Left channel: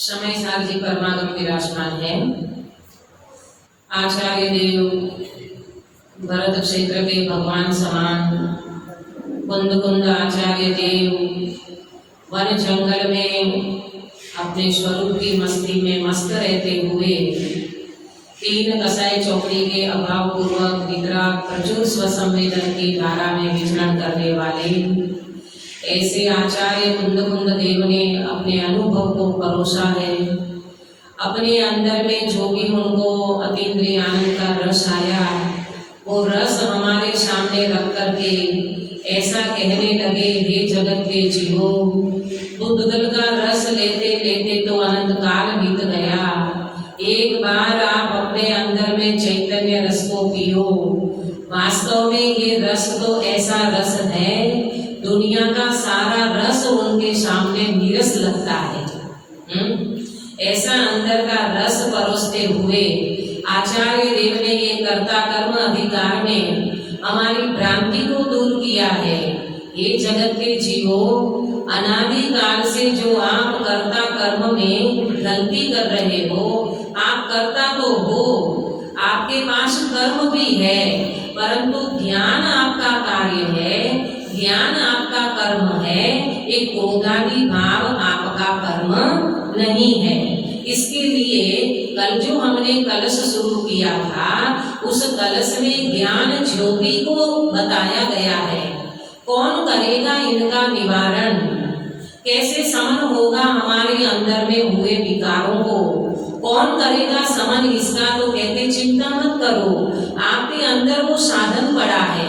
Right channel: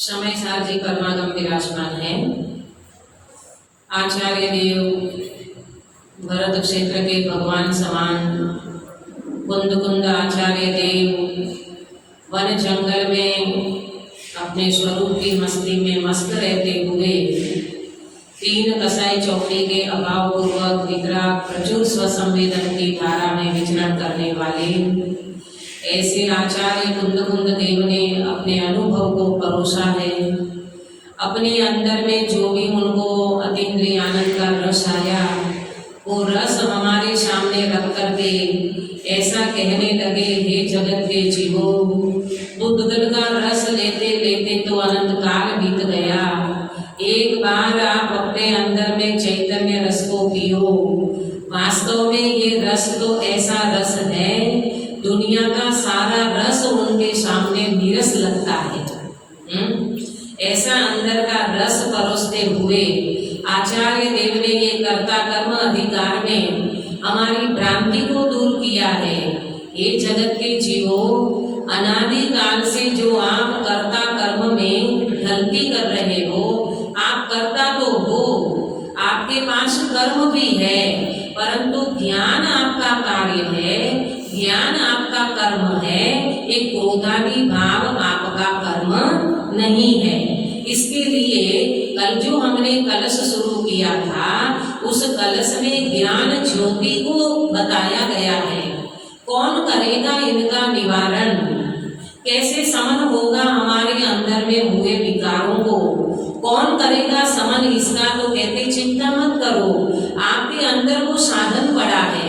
समय साल जी परमागम विराजमान है। आचार्य देव भरत क्षेत्र के भगवान समान, कुंद कुंद आचार्य देव वन जंगल में अपने स्वरूप की मस्ती में मस्त रहते हुए तीन कसाई चौकड़ी के अभाव पूर्वक निद्रा प्रचुर स्वसंवेदन की धारा में विचरण करने वाले ऐसे आचार्य कुंद कुंद देव ने अपने अनुभव को परोसा है। अपने अंदर में जो भी उनको अतीन्द्रिय आनंद का रस आया, वो रस हमारे सामने रख करके ऐसा कहने लगे, हे जगत के जीवो, दूध का रस लेते लेते तो अनंत काल बीत गया। एक बार आप अपने अंदर में चैतन्य रस को पियो। वास्तव में ये रस तो ऐसा रस है, दुनिया का सारा रस उनके सामने नीरस लगता है। ऐसा अंदर का रस परोसते हुए आचार्य देव ने ये कर्ता कर्म अधिकार में हमारी भ्रांति को दूर किया है। ये जगत के जीवो, अनादि काल से जो आप कर्ता कर्म में गलती कर रहे हो, आप कर्ता तो हो, आपके पास कर्म भी है, परंतु ज्ञान आपका कार्य है, ज्ञान आपका कर्म है। एक क्रोधादि भाव आपका कर्म नहीं है। इसके लिए कल जो हमने कलश शुरू किया था, उस कलश में ज्ञान ज्योति को बताया गया है। कौन करेगा इनका निवारण, कैसे समन होगा हमारे अंदर में हुए विकारों को, कौन करेगा समन इसका? तो कहते चिंता मत करो, आपके अंदर वो साधन पड़ा है,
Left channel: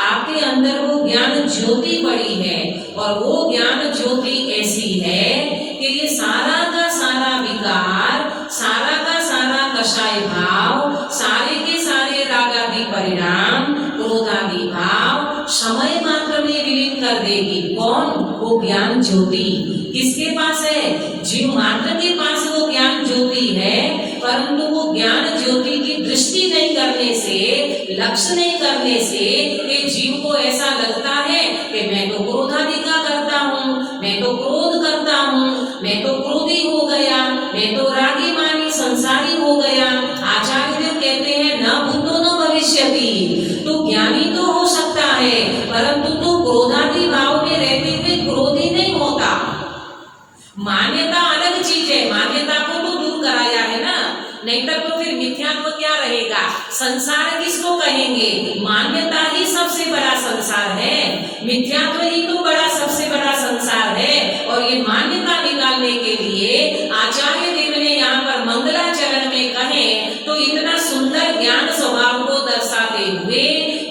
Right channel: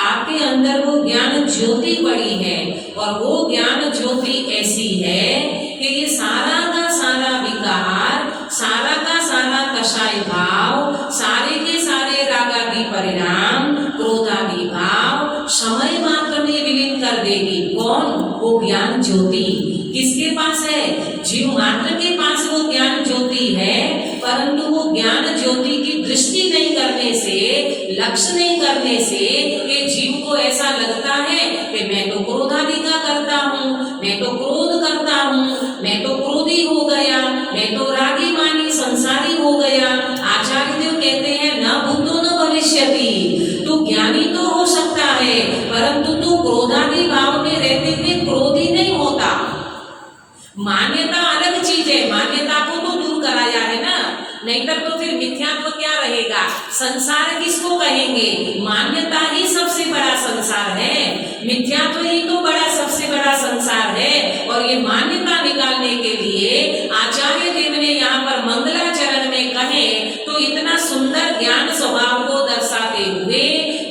आपके अंदर वो ज्ञान ज्योति पड़ी है, और वो ज्ञान ज्योति ऐसी है कि ये सारा का सारा विकार, सारा का सारा कषाय भाव, सारे के सारे रागादि परिणाम, क्रोधादि भाव समय मात्र में विलीन कर देगी। कौन? वो ज्ञान ज्योति। किसके पास है? जीव मात्र के पास वो ज्ञान ज्योति है, परंतु वो ज्ञान ज्योति की दृष्टि नहीं करने से, लक्ष्य नहीं करने से ये जीव को ऐसा लगता है कि मैं तो क्रोधादि का करता हूँ, मैं तो क्रोध करता हूँ, मैं तो क्रोधी हो गया, मैं तो रागी मानी संसारी हो गया। आचार्य देव कहते हैं न भूतो न भविष्यति, तू ज्ञानी तो हो सकता है, परंतु तू क्रोधादि भाव में रहते हुए क्रोधी नहीं होता। मान्यता अलग चीज है, मान्यता को तो दूर कराया है ना, नहीं तो फिर मिथ्यात्व क्या रहेगा? संसार किसको कहेंगे? मान्यता ही सबसे बड़ा संसार है, मिथ्यात्व ही तो बड़ा सबसे बड़ा संसार है। और ये मान्यता निकालने के लिए आचार्य देव ने यहाँ पर मंगलाचरण में कहे तो इतना सुंदर ज्ञान स्वभाव को दर्शाते हुए,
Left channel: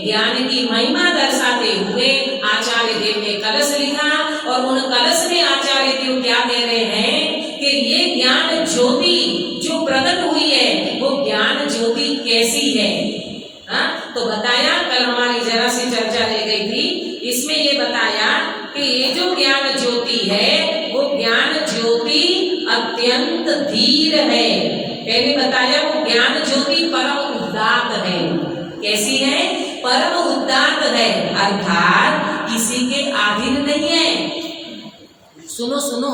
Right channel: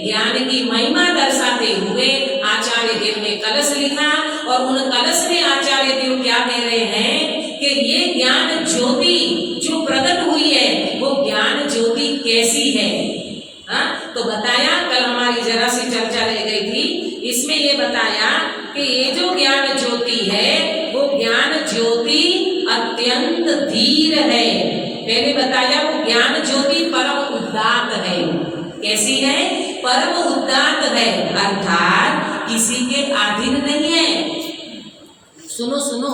ज्ञान की महिमा दर्शाते हुए आचार्य देव ने कलश लिखा। और उन कलश में आचार्य देव क्या कह रहे हैं कि ये ज्ञान ज्योति जो प्रकट हुई है, वो ज्ञान ज्योति कैसी है? तो बताया, कल हमारी जरा सी चर्चा रह गई थी, इसमें ये बताया कि ये जो ज्ञान ज्योति है, वो ज्ञान ज्योति अत्यंत धीर है। पहले बताया वो ज्ञान ज्योति परम उदात्त है। कैसी है? परम उदात्त है, अर्थात किसी के अधीन नहीं है। सुनो सुनो,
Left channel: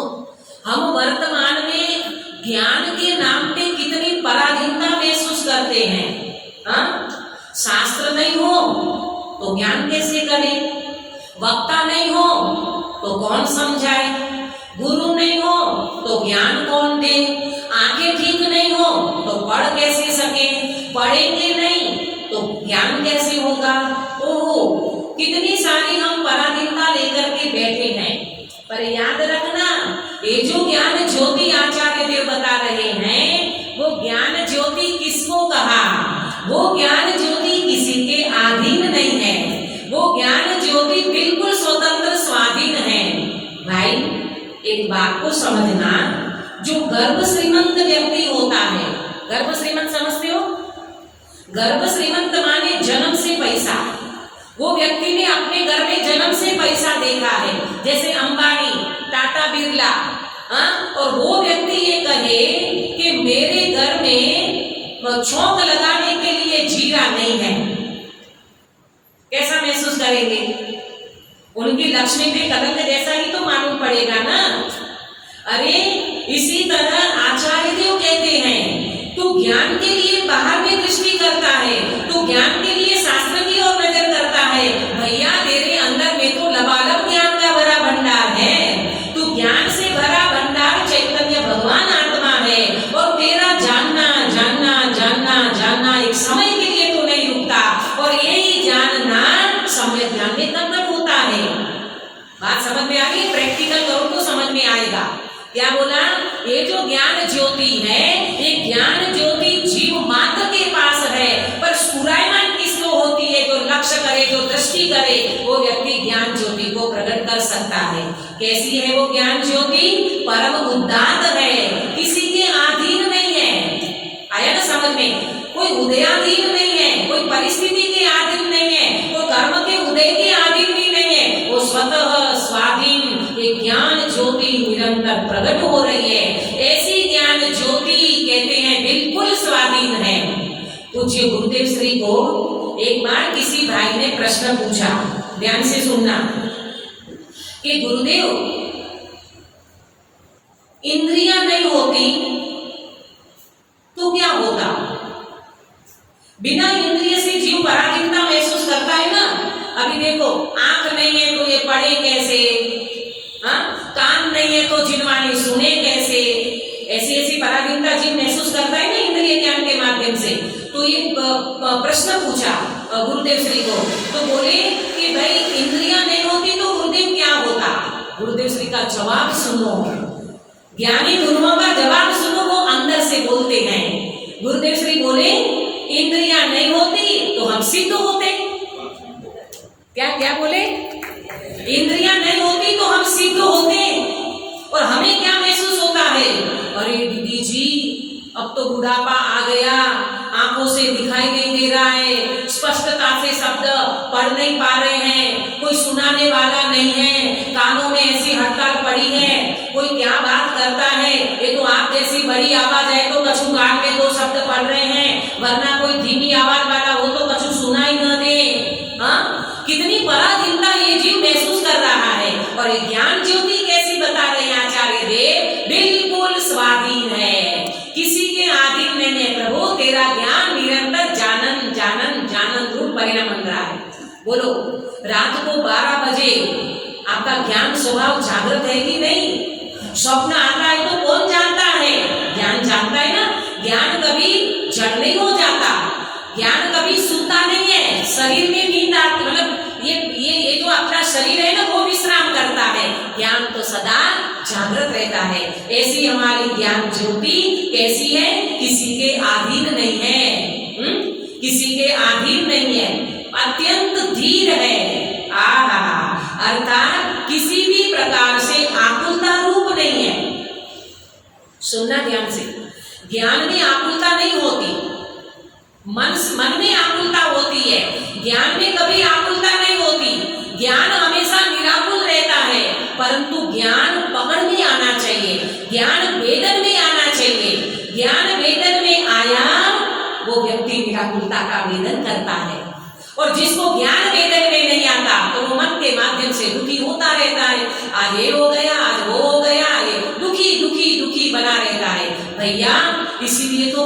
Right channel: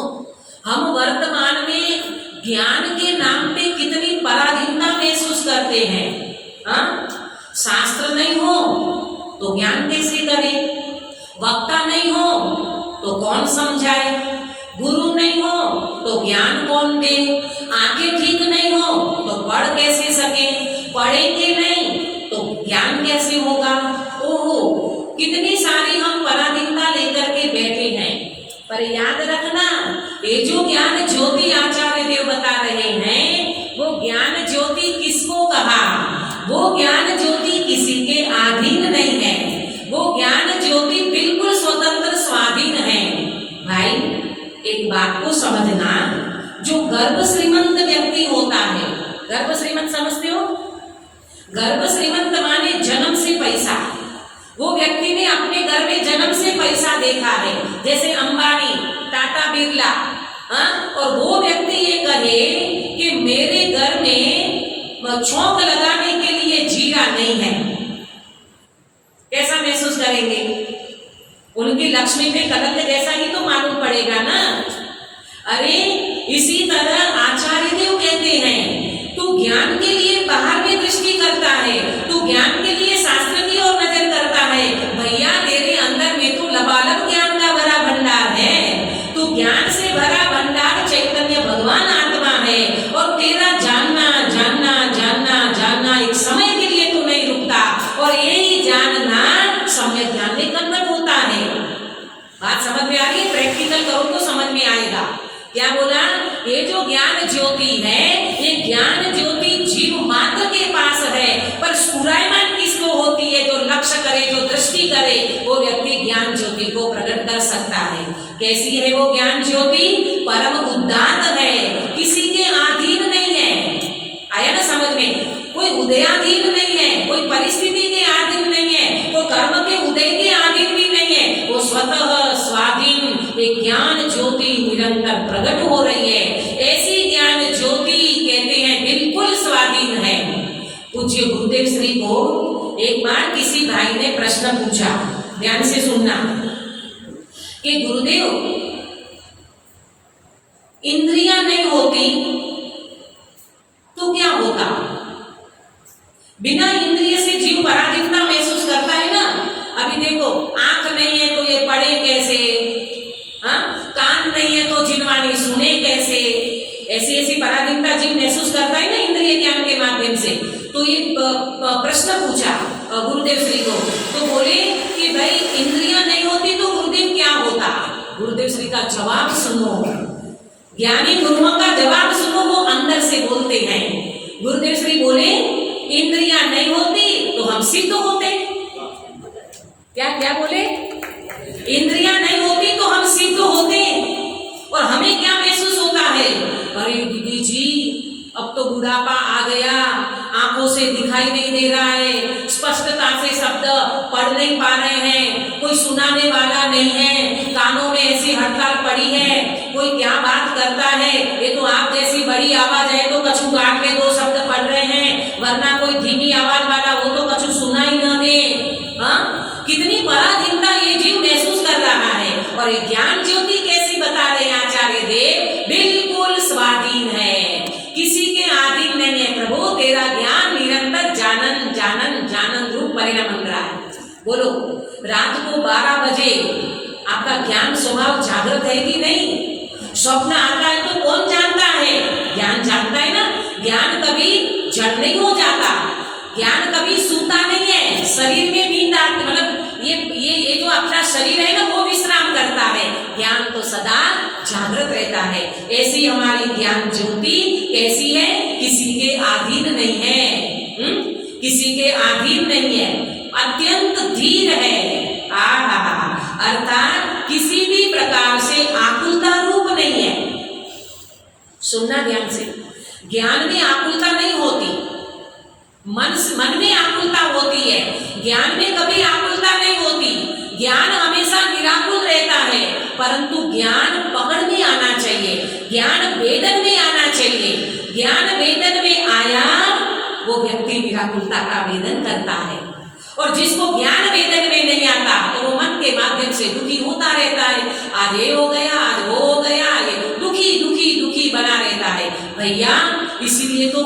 हम वर्तमान में ज्ञान के नाम पे कितनी पराधीनता महसूस करते हैं। शास्त्र नहीं हो तो ज्ञान कैसे करें? वक्ता नहीं हो तो कौन समझाए? गुरु नहीं हो तो ज्ञान कौन दे? आंखें ठीक नहीं हो तो पढ़ कैसे सके? पढ़ेंगे नहीं तो ज्ञान कैसे होगा? ओहो, कितनी सारी हम पराधीनता लेकर के बैठे हैं। पर याद रखना, ये जो ज्ञान ज्योति आचार्य देव बता रहे हैं, वो ज्ञान ज्योति किसको कहा? वो ज्ञान ज्योति किसी के अधीन नहीं है, वो ज्ञान ज्योति बिल्कुल स्वतंत्र स्वाधीन है। भाई एक बात को समझना, जो गर्भ श्रीमंत व्यक्ति होता है, गर्भ श्रीमंत समझते हो? गर्भ श्रीमंत माने जन्म से पैसा। वो व्यक्ति ने अपने घर में जन्म से पैसा देखा है, जैसे अंबानी, टाटा, बिरला। और वो व्यक्ति ये कहे कि मेरे घर में छौंक लगाने के लिए जीरा नहीं है, कैसा महसूस करेंगे? उनकी लक्ष्मी पे कलंक जैसा ही तो मालूम पड़ेगा ना। अरे इसी तरह आचार्य देव कहते हैं तू ज्ञान के लिए बाहर में दृष्टि करता है, तू ज्ञान के लिए शास्त्र की ओर नजर करता है। भैया तेरे अंदर में तो लबालब ज्ञान का भरा भंडार है, तू ज्ञान से भरा भंडार चैतन्य भगवान आत्मा है। और तेरा जानना जानना जानना जानना एक समय के लिए तो नहीं रुकता, और यही जानना सम्यक ज्ञान में कन्वर्ट होता है। बात समझ में आ रही है? प्रैक्टिकल करो तो समझ में आएगा। क्या बोला? ये जो ज्ञान ज्योति है, ये ज्ञान ज्योति जीव मात्र के पास है, पर स्फुरायमान किसको होती है? जो लक्ष्य करे, जो दृष्टि करे, वो व्यक्ति ज्ञान ज्योति को प्रकट कर सकता है। कैसी है वो ज्ञान ज्योति? परम उदात्त है, किसी के अधीन नहीं है। आया ना समझ में? कोई उदयाधीन नहीं है, कोई परिस्थिति के अधीन नहीं है, कोई कर्म के उदय के अधीन भी नहीं है। वो स्वतः स्वाधीन एक ज्ञान ज्योति निरंतर प्रकट हो रही है। ऐसी ज्ञान ज्योति कहते हैं बिल्कुल स्वाधीन है। पूज्य गुरुदेव श्री को एक बार किसी भाई ने प्रश्न पूछा, ध्यान से सुनना, कि गुरुदेव इंद्रियां नहीं होती तो क्या होता? बिना इंद्रिय से जीव पराधीनता महसूस करता है ना। अभी देखो, आंख नहीं है तो ये पढ़े कैसे, कान नहीं है तो जिनवाणी सुने कैसे, ऐसी ऐसी पराधीनता जीव महसूस करता है ना इंद्रिय ज्ञान के माध्यम से। तो ये प्रश्न पूछा गुरुदेव श्री को, तो बोले कि भाई इंद्रियां नहीं होती तो गुरुदेव क्या होता? गुरुदेव श्री का जवाब सुनो, ज्ञानी गुरुओं का जवाब सुनो, वो अंदर से बोलते हैं। गुरुदेव श्री बोले इंद्रियां नहीं होती तो हम सिद्ध होते। क्या क्या बोले? इंद्रियां नहीं होती तो हम सिद्ध होते। और हमें क्या महसूस होता है? अरे दीदी जी, अब तो बुढ़ापा आ गया, आंखों से दिखाई नहीं दे रहा है, स्पष्टता से शब्द पढ़ नहीं पा रहे हैं, कोई सुनाने वाला नहीं है, कानों में ऐसी हड़ताल पड़ी है, कोई क्या बात करता है, ये तो आप जैसी बड़ी आवाज है तो कछु काट के दो शब्द पढ़ रहे हैं, वरना कोई धीमी आवाज वाला वो तो कछु सुना ही न दे। कितनी पराधीनता ये जीव महसूस कर रहा है। और ये ज्ञान ज्योति कैसी बता रहे हैं आचार्य देव? बिल्कुल स्वाधीन है, किसी के अधीन नहीं है। प्रभु तेरा ज्ञान निरंतर जानन जानन जानन रूप परिणाम बन रहा है। बोलो, रात को 12 बजे आपका ज्ञान स्वभाव जागृत है कि नहीं? स्वप्न आता है तो कौन जानता है? ज्ञान जानता है ना। ज्ञान कभी जड़ नहीं हो जाता, ज्ञान कभी सूता नहीं है। शरीर में नींद आती, मतलब ये जो अपना शरीर है ना वो विश्राम करता है, ज्ञान तो सदा जागृत रहता है। ऐसी हमारी ज्ञान ज्योति कैसी है? किसी के अधीन नहीं है, किसी के अधीन नहीं है, अत्यंत धीर है। अर्थात किसी भी प्रकार से आकुलता रूप नहीं है। सुनना ध्यान से, ज्ञान में आकुलता नहीं होती, मन में आकुलता होती है, ज्ञान में कभी आकुलता नहीं होती। ज्ञान हमेशा निराकुल रहता है, परंतु ज्ञान पकड़ में आना चाहिए, ज्ञान वेदन में आना चाहिए। ज्ञान वेदन में आया वो व्यक्ति निराकुलता का वेदन करता है। और जिसको ज्ञान वेदन में नहीं आता तो वो मन के माध्यम से दुखी होता रहता है। आज ये हो गया, आज वो हो गया, ये दुखी दुखी दुखी बना रहता है। भैया इसीलिए तो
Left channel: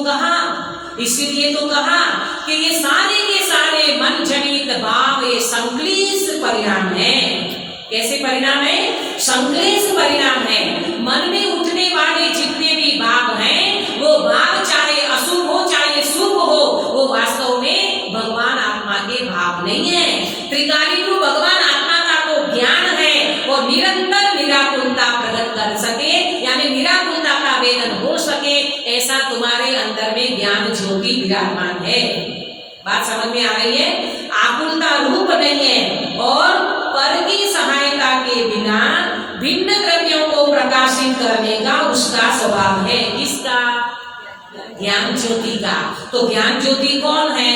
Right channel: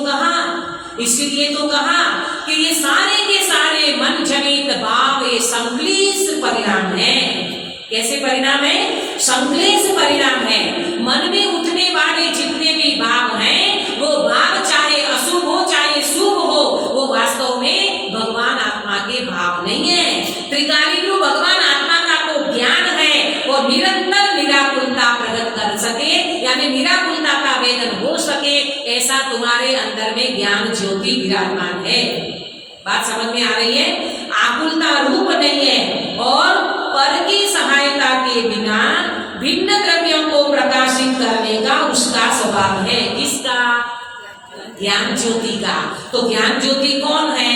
कहा कि ये सारे के सारे मन जनित भाव ये संक्लेश परिणाम है। कैसे परिणाम है? संक्लेश परिणाम है। मन में उठने वाले जितने भी भाव हैं, वो भाव चाहे अशुभ हो चाहे शुभ हो, वो वास्तव में भगवान आत्मा के भाव नहीं है। त्रिकाली रूप भगवान आत्मा का तो ज्ञान है, वो निरंतर निराकुलता प्रकट कर सके, यानी निराकुलता का वेदन हो सके, ऐसा तुम्हारे अंदर में ज्ञान ज्योति विराजमान है। बात समझ में आ रही है? आकुलता रूप नहीं है, और पर की सहायता के बिना भिन्न द्रव्यों को प्रकाशित करने का उसका स्वभाव है। किसका? ज्ञान ज्योति का। तो ज्ञान ज्योति कौन है?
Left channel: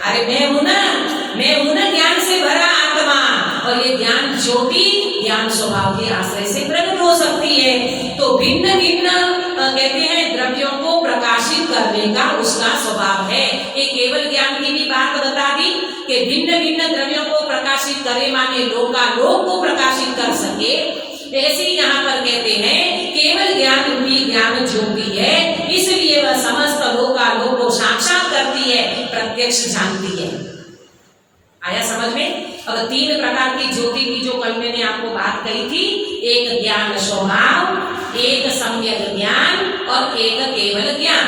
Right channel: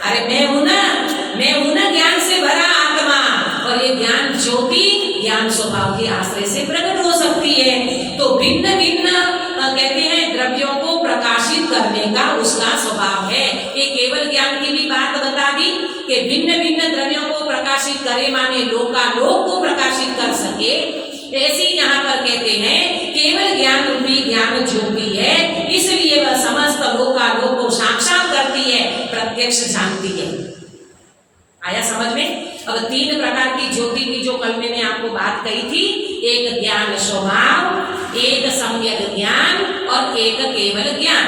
अरे मैं हूं ना ज्ञान से भरा आत्मा। और ये ज्ञान ज्योति ज्ञान स्वभाव के आश्रय से प्रकट हो सकती है। तो भिन्न भिन्न कहते हैं द्रव्यों को प्रकाशित करने का उसका स्वभाव है। ये केवल ज्ञान की भी बात बता दी कि भिन्न भिन्न द्रव्यों को प्रकाशित करे, माने लोकालोक को प्रकाशित कर सके। ऐसे यहाँ पर कहते हैं कि केवल ज्ञान रूपी ज्ञान ज्योति है, इसलिए वह समस्त लोकालोक को साक्षात करती है, प्रत्यक्ष जानती है। आया समझ में? अब 3 प्रकार की ज्योति की जो कल मैंने आपको बात कही थी, एक ज्ञान स्वभाव, एक सम्यक ज्ञान और एक केवल ज्ञान।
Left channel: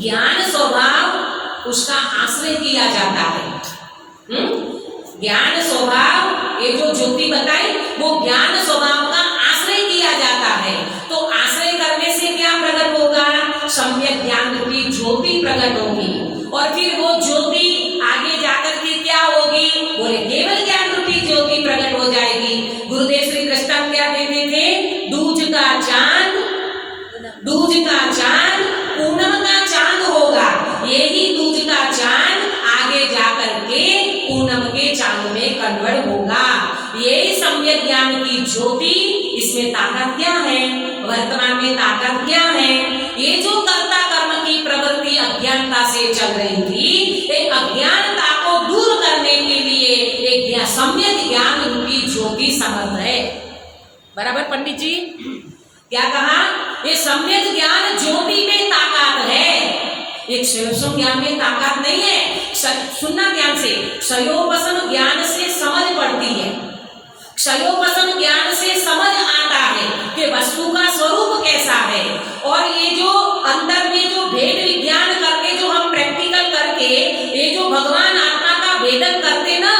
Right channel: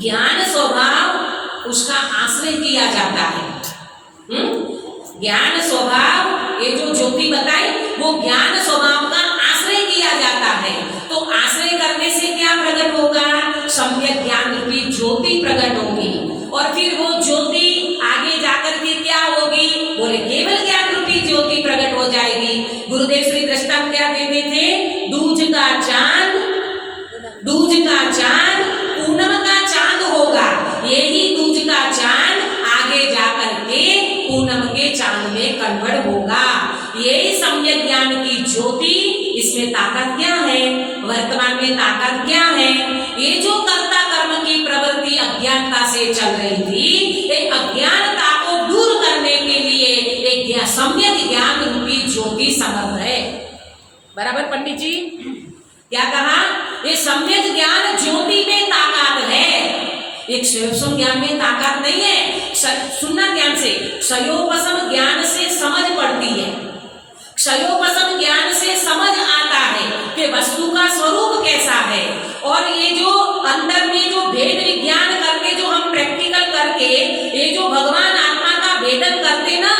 ज्ञान स्वभाव उसका आश्रय किया जाता है। ज्ञान स्वभाव, ये जो ज्योति बताई वो ज्ञान स्वभाव का आश्रय किया जाता है। तो आश्रय करने से क्या प्रकट होगा? सम्यक ज्ञान रूपी ज्योति प्रकट होगी। और फिर वो ज्योति आगे जाकर के क्या होगी? बोले केवल ज्ञान रूपी ज्योति प्रकट हो जाएगी। गुरुदेव श्री दृष्टांत क्या देते थे? दूज का चांद पूनम का चांद होगा। यही दूज का चांद आगे जाकर के पूनम के चांद में कन्वर्ट होगा। यही सम्यक ज्ञान की ज्योति, इसमें ताकत क्या है? वर्तमान में ताकत क्या है? ये जो कर्ता कर्म की प्रवृत्ति अज्ञानता से चल रही थी, एक अज्ञानता को दूर करने के लिए एक सम्यक ज्ञान रूपी ज्योति समर्थ है। बराबर पंडित जी? क्या कहा? ये सम्यक ज्ञान ज्योति में ताकत है, एक स्वयं ज्ञान में ताकत नहीं है। सुनना ध्यान से, क्षयोपशम ज्ञान से समझ पड़ती है। क्षयोपशम ज्ञान से समझ आता है कि वस्तु का स्वरूप कैसा है। और ये जो अंदर में जो भेद विज्ञान करके जो हम प्रैक्टिकल करके ये जो भगवान आत्मा का भेदन करते ना,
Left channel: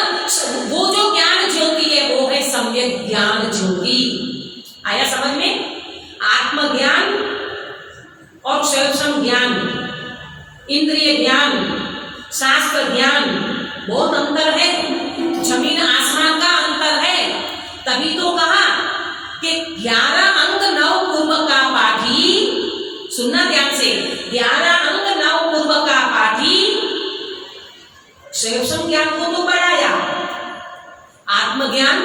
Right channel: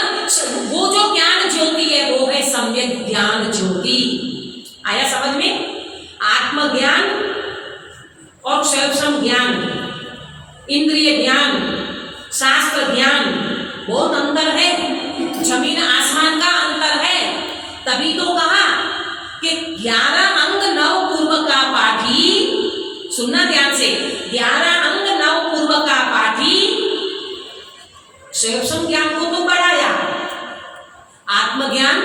वो जो ज्ञान ज्योति है वो है सम्यक ज्ञान ज्योति। आया समझ में? आत्मज्ञान और क्षयोपशम ज्ञान, इंद्रिय ज्ञान, शास्त्र ज्ञान, बहुत अंतर है, जमीन आसमान का अंतर है। तभी तो कहा कि 11 अंग 9 पूर्व का पाठी, सुनना ध्यान से, 11 अंग 9 पूर्व का पाठी क्षयोपशम ज्ञान को तो बढ़ाया, आत्मज्ञान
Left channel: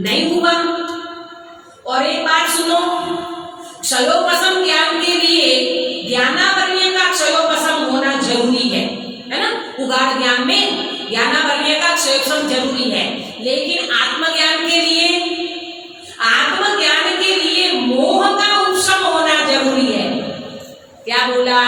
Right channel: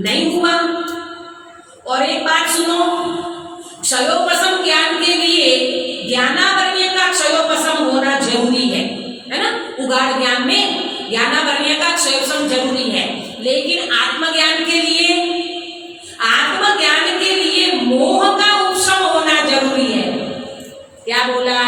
नहीं हुआ। और एक बात सुनो, क्षयोपशम ज्ञान के लिए ज्ञानावरणीय का क्षयोपशम होना जरूरी है ना? उगाड़ ज्ञान में ज्ञानावरणीय का क्षयोपशम जरूरी है, लेकिन आत्मज्ञान के लिए मोह का उपशम होना जरूरी है। क्या बोला?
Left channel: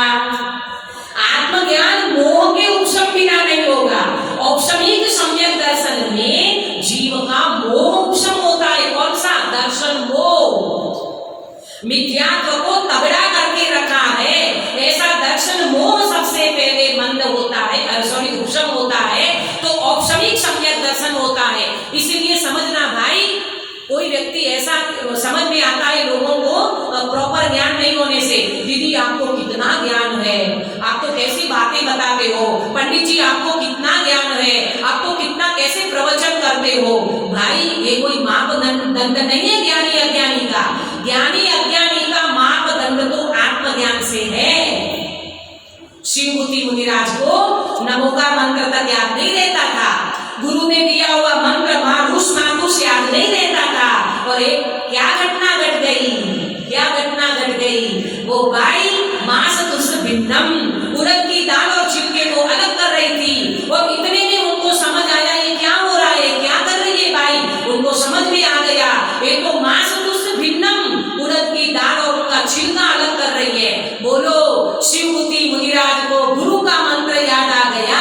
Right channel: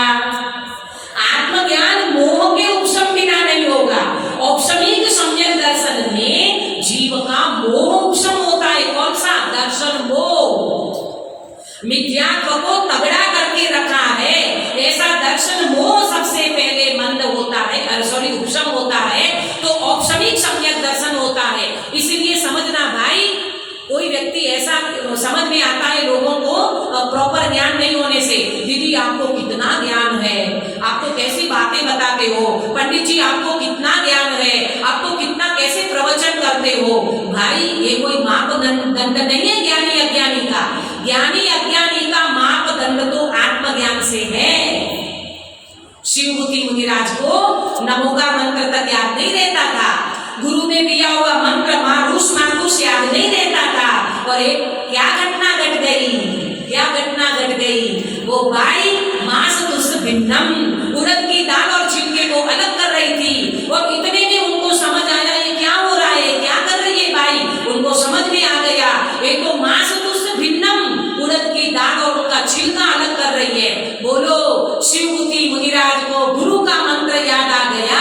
आत्मज्ञान मोह के उपशम बिना नहीं होगा। औपशमिक सम्यक दर्शन में जीव का मोह उपशम होता है। कौन सा दर्शन? मोह। मिथ्यात्व को तगड़ा करके रखा है, ऐसा दर्शन मोह सबसे पहले मंद होता है, उपशम होता है, तो औपशमिक सम्यक दर्शन होता है। इसलिए समझना भाई, कोई व्यक्ति ऐसा समझ में आता है लोगों को प्रॉपर ज्ञान नहीं होने से, दीदी आपको कितना ज्ञान है, आप तो कैसी बातें बताते हो, पंडित जी आपको कितना ज्ञान है, आप तो कितना कैसे प्रवचन करते हो। भाई ये कोई मापदंड नहीं है ज्ञानी अज्ञानी का। ज्ञानी अज्ञानी का मापदंड तो आत्मज्ञान से है। शिवभूति मुनिराज को नमो का मंत्र तक याद नहीं रहता था, गुरु ने दिया हुआ मंत्र मारुष याद नहीं रहता था। और एक क्या घटना घट गई, वो भाई मास तुस भिन्नम, उड़द की दाल और छिलके को अलग कर रही थी। और इतने में उनको समझ आया ये क्या हो रहा है, क्या कर रही है भाई, उनको समझ में आ गया ये तो मास तुस भिन्नम, उड़द की दाल और उनका छिलका अलग कर रही है। बोलो शिवभूति मुनिराज को गुरु का मंत्र याद आ गया,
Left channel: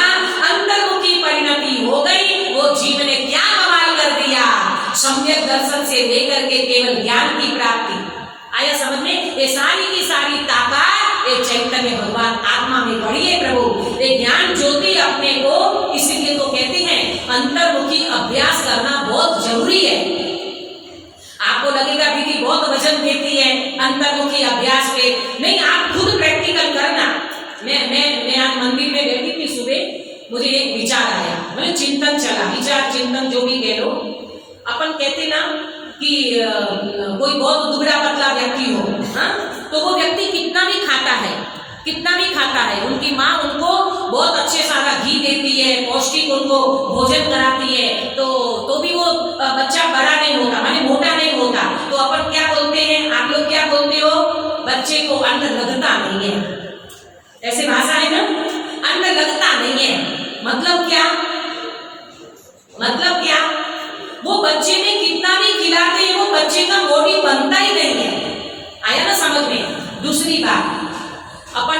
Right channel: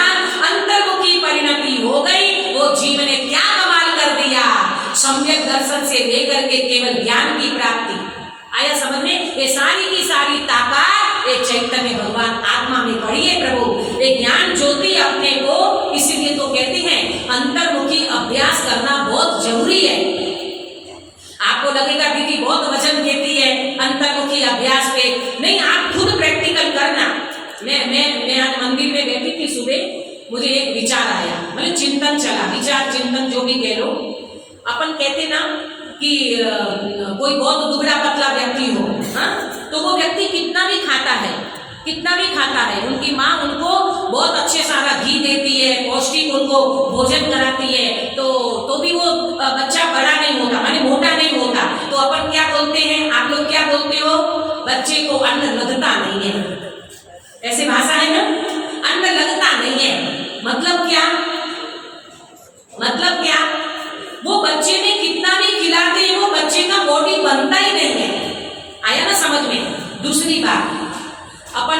अंतर्मुखी परिणति हो गई। वो जीव ने क्या कमाल कर दिया, सम्यक दर्शन से लेकर के केवल ज्ञान की प्राप्ति। आया समझ में? ये सारी की सारी ताकत ये चैतन्य भगवान आत्मा में पड़ी है प्रभु। ये ज्ञान ज्योति अपने को, इसलिए तो कहते हैं अंतर्मुखी अभ्यास करना बहुत जरूरी है। आपको लगेगा दीदी बहुत वजन देती है अंतर्मुखी अभ्यास पे, नहीं, आप खुद प्रैक्टिकल करना। मैं आज मंदिर में बैठी थी सुबह, मुझे एक विचार आया, मतलब चिंतन चला, विचार चिंतन जो भी कह लो। अपन कहते ना कि कोई बहुत दुबला पतला व्यक्ति हो, हाँ, तो वो व्यक्ति कितना भी खाता है, उनकी माँ उनको बहुत अच्छे सारा घी देती है, पौष्टिक उनको भोजन कराती है, तो भी वो बच्चा बड़ा नहीं होता, माने मोटा नहीं होता। तो अपन क्या बोलते हैं, आप लोग क्या बोलते हो, बच्चे को अन्न लगता नहीं है, ऐसे भाषा है ना, अन्न लगता नहीं है। मतलब क्या, वो बच्चे में कितना भी खिलाते हैं वो बच्चे का बॉडी बनता ही नहीं बात, अपन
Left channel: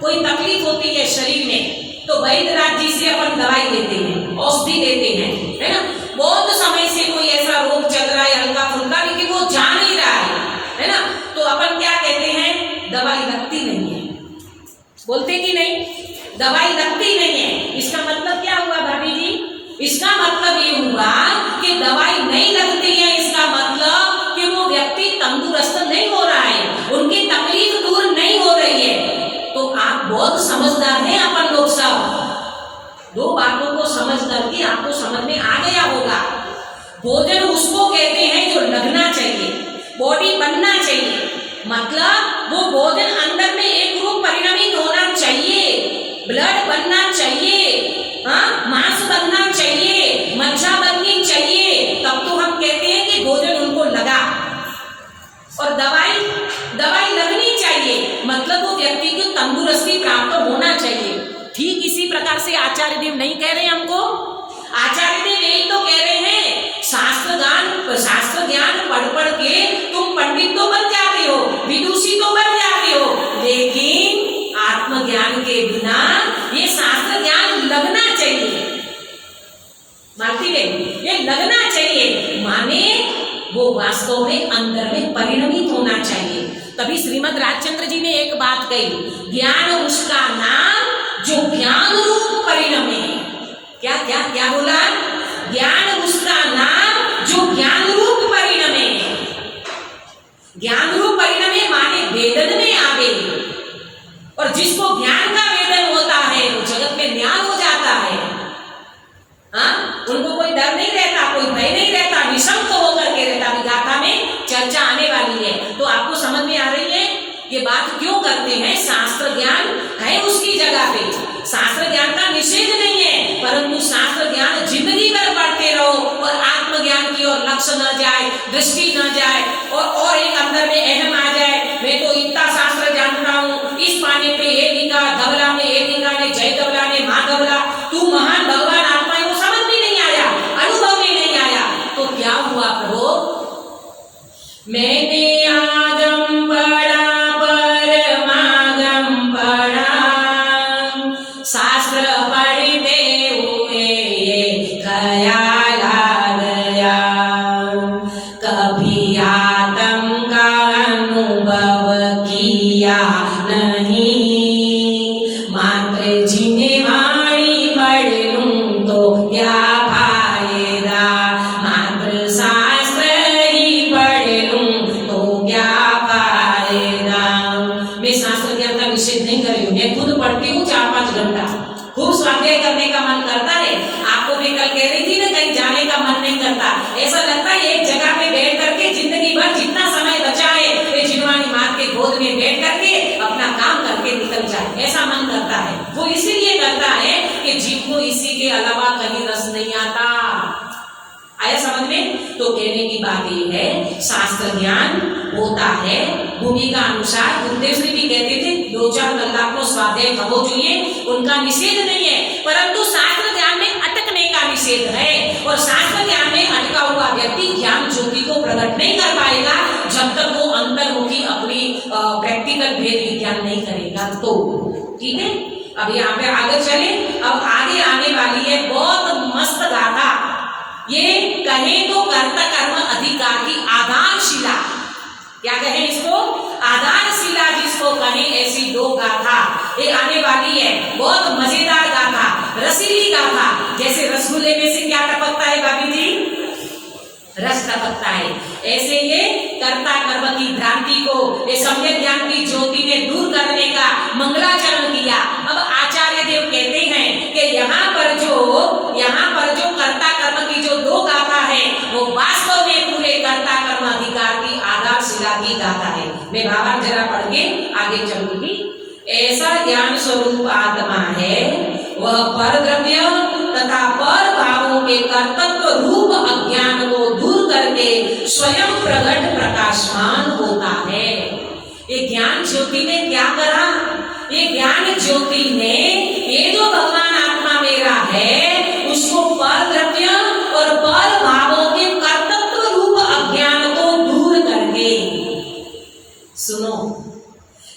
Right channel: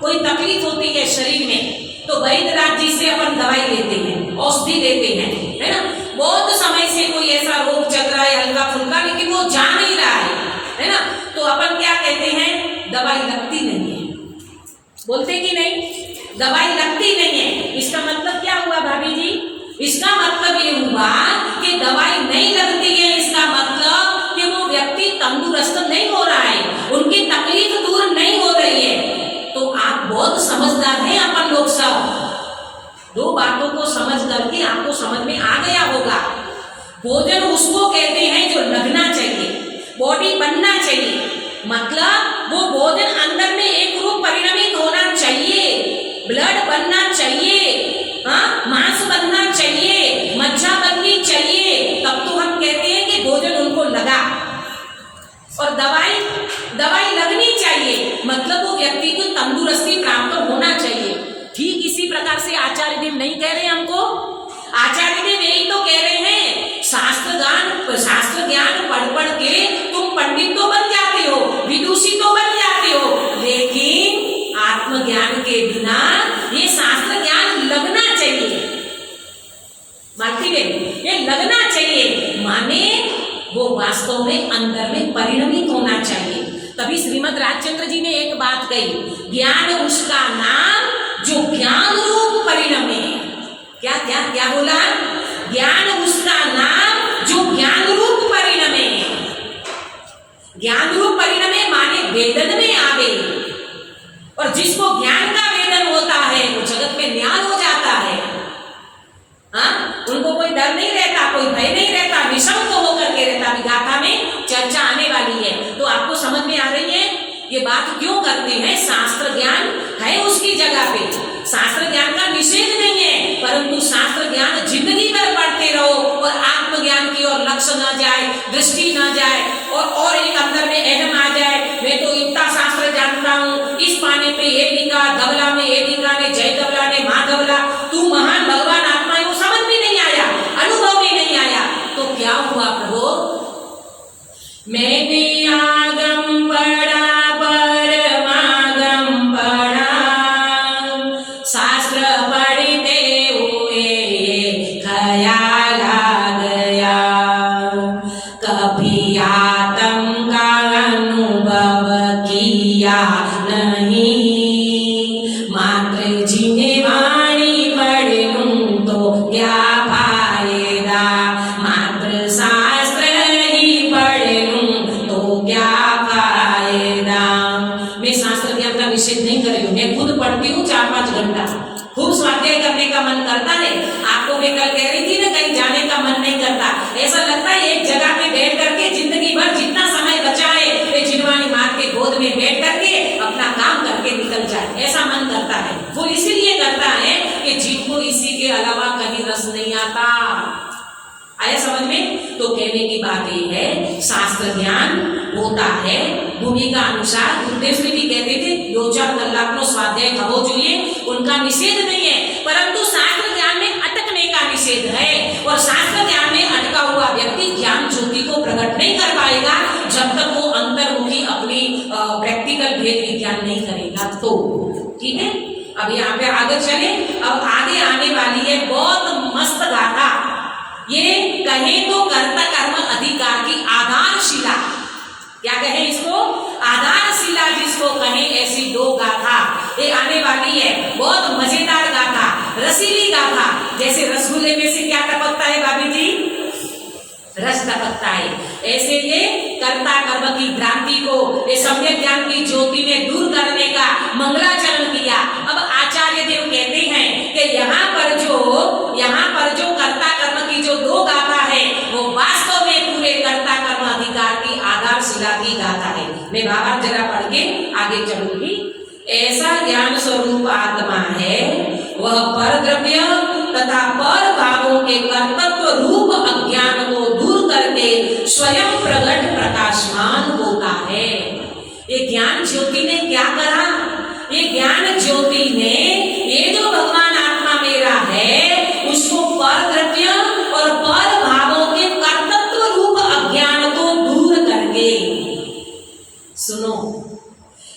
कोई तकलीफ होती है शरीर में तो वैद्यराज जी से अपन दवाई लेते हैं, औषधि लेते हैं, है ना। बहुत समय से कोई ऐसा रोग चल रहा है हल्का फुल्का, लेकिन वो जा नहीं रहा है ना, तो अपन क्या कहते हैं, दवाई लगती नहीं है, बोलते कि नहीं, दवाई लगती नहीं है। इसका मतलब क्या हुआ भाभी जी? इसका मतलब ये हुआ कि दवाई नहीं लगती है, इसका मतलब कि वो व्यक्ति तंदुरुस्त नहीं हो रहा है, उनकी तकलीफ दूर नहीं हो रही है। तो आप बहुत समझदार हैं अपन लोग सब, दो बातों को समझ करके आपको समझ में आ गया होगा। भोजन उसको कहते हैं जो लगना चाहिए, बॉडी बनना चाहिए, मतलब वो भोजन अंदर में एक रूप परिणमित होना चाहिए, ब्लड बनना चाहिए, हाँ, मांस बनना चाहिए, मज्जा बननी चाहिए, तब तो हम कहते हैं कि भोजन उनको लगा। और दवाई लगनी चाहिए, मतलब वो व्यक्ति को तंदुरुस्ती प्राप्त होना चाहिए। ठीक इसी प्रकार से आचार्य देव नहीं कह रहे हमको, आचार्य देव यही तो कह रहे हैं, शास्त्र ज्ञान पढ़ के तुम पंडित तो बन जाते हो, विदुषी तो बन जाते हो, लेकिन आत्मज्ञान के बिना ये शास्त्र ज्ञान लगना चाहिए। मानती है, ये लगना चाहिए, माने वो वास्तव में अंदर में परिणमित होना चाहिए। तभी श्रीमद् राजचंद्र जी ने एक बात कही, ज्ञान उसका नाम जो ज्ञान रूप परिणमे। क्या क्या क्या बोला? ज्ञान उसका नाम जो ज्ञान रूप परिणमे। ज्ञान रूप परिणमे माने वेदन में आवे, और जिसको ज्ञान का वेदन होता है वो जगत में न्याय हो जाता है। हाँ, उनको कोई डर नहीं रहता, कोई भय नहीं रहता, विषम को होकर के रहता। अभी गाथा में चर्चा आने वाली है, तो आपको समझ में आ रही है ये बात क्यों करते हैं। शास्त्र ज्ञान है उसकी जगह पे, शास्त्र ज्ञान का निषेध नहीं है, परंतु शास्त्र ज्ञान जिंदगी भर पढ़ते रहो और आत्मज्ञान की ओर लक्ष्य न जाए, दृष्टि न जाए, और एक अंदर में अहम आ जाए, मैं तो इतना शास्त्र जानता हूँ, इस पाने पे ये लिखा, धवला में ये लिखा ने, जय धवला ने, माँ धवला, तू महान भगवान आत्मा है, वो समझ में नहीं आया, अनुभव में नहीं आया, तो क्या हुआ प्रभु? मैंने आगम पढ़ा, परमागम पढ़ा, शास्त्र पढ़ते हुए ख्याल आ गया, कभी आत्म का अनुभव किया नहीं, मात्र जिन्हें वाणी पढ़ लूं तो क्या फायदा, मात्र शास्त्र ही पढ़ लूं तो क्या फायदा। मैं शास्त्र ज्ञान का निषेध नहीं कर रही हूँ, मैं खुद पढ़ती हूँ 4-5 घंटा, खूब स्वाध्याय करने का मन करता है। आपको मैं कल कह रही थी ना, कहीं जाने का मन नहीं करता, ऐसा लगता है एक जगह पे बैठ करके जिंदगी भर जितना समय बचा है वे जिनवाणी माँ के गोद में बैठ करके अपना काम करके निकल जाए, ऐसा मन करता है। वो इसीलिए करता है कि जीव को इसी के अलावा कहीं रस नहीं आता। आया समझ में? तो कहने की बात ये है, शास्त्र ज्ञान होता है भूमिका अनुसार। गुरुदेव श्री भी कहते थे, 2-4 कलाक नो स्वाध्याय थवो જોઈએ, उनका निषेध नहीं है, परंतु शास्त्र ज्ञान में अटकने का निषेध है। और शास्त्र ज्ञान में अटका हुआ व्यक्ति ज्ञान ज्योति को प्रकट नहीं कर पाएगा जब तक वो अंतर्मुखी अपनी प्रैक्टिकल भेद विज्ञान नहीं करेगा। तो ठीक है, अब यहाँ पे आगे चले। अब आगे आने वाली है बहुत मस्त गाथा, ये कहे तो कर्ता कर्म अधिकार की आधारशिला। क्या कहे इसको? आधारशिला जिसको कहे, ऐसी 2 गाथा ये आने वाली है। बहुत मजेदार गाथा, रसीली गाथा। जैसे रसगुल्ले में से क्या टपकता है भाभी जी? रस टपकता है, ऐसे ये कर्ता कर्म की भ्रांति को ये सम्यक ज्ञान की ज्योति ने दूर करने का मंगलाचरण किया। अब आचार्य देव कहते हैं कि यहाँ पर जो कर्ता कर्म की जो 2 गाथा है वो वास्तव में पूरे कर्ता कर्म अधिकार की आधारशिला की गाथा है। मैं भावार्थ जरा पढ़ के आगे चलूंगी। ऐसा ज्ञान स्वरूप आत्मा है, वह पर द्रव्य तथा पर भावों के कर्तव्य रूप अज्ञान को दूर करके स्वयं प्रकट प्रकाशमान होता है। ये ज्ञान ज्योति ने क्या करा? ये ज्ञान ज्योति ने ये जो भगवान आत्मा मेरा है उसको पर द्रव्य और पर भावों के कर्तव्य रूप अज्ञान को दूर करके, सुनो,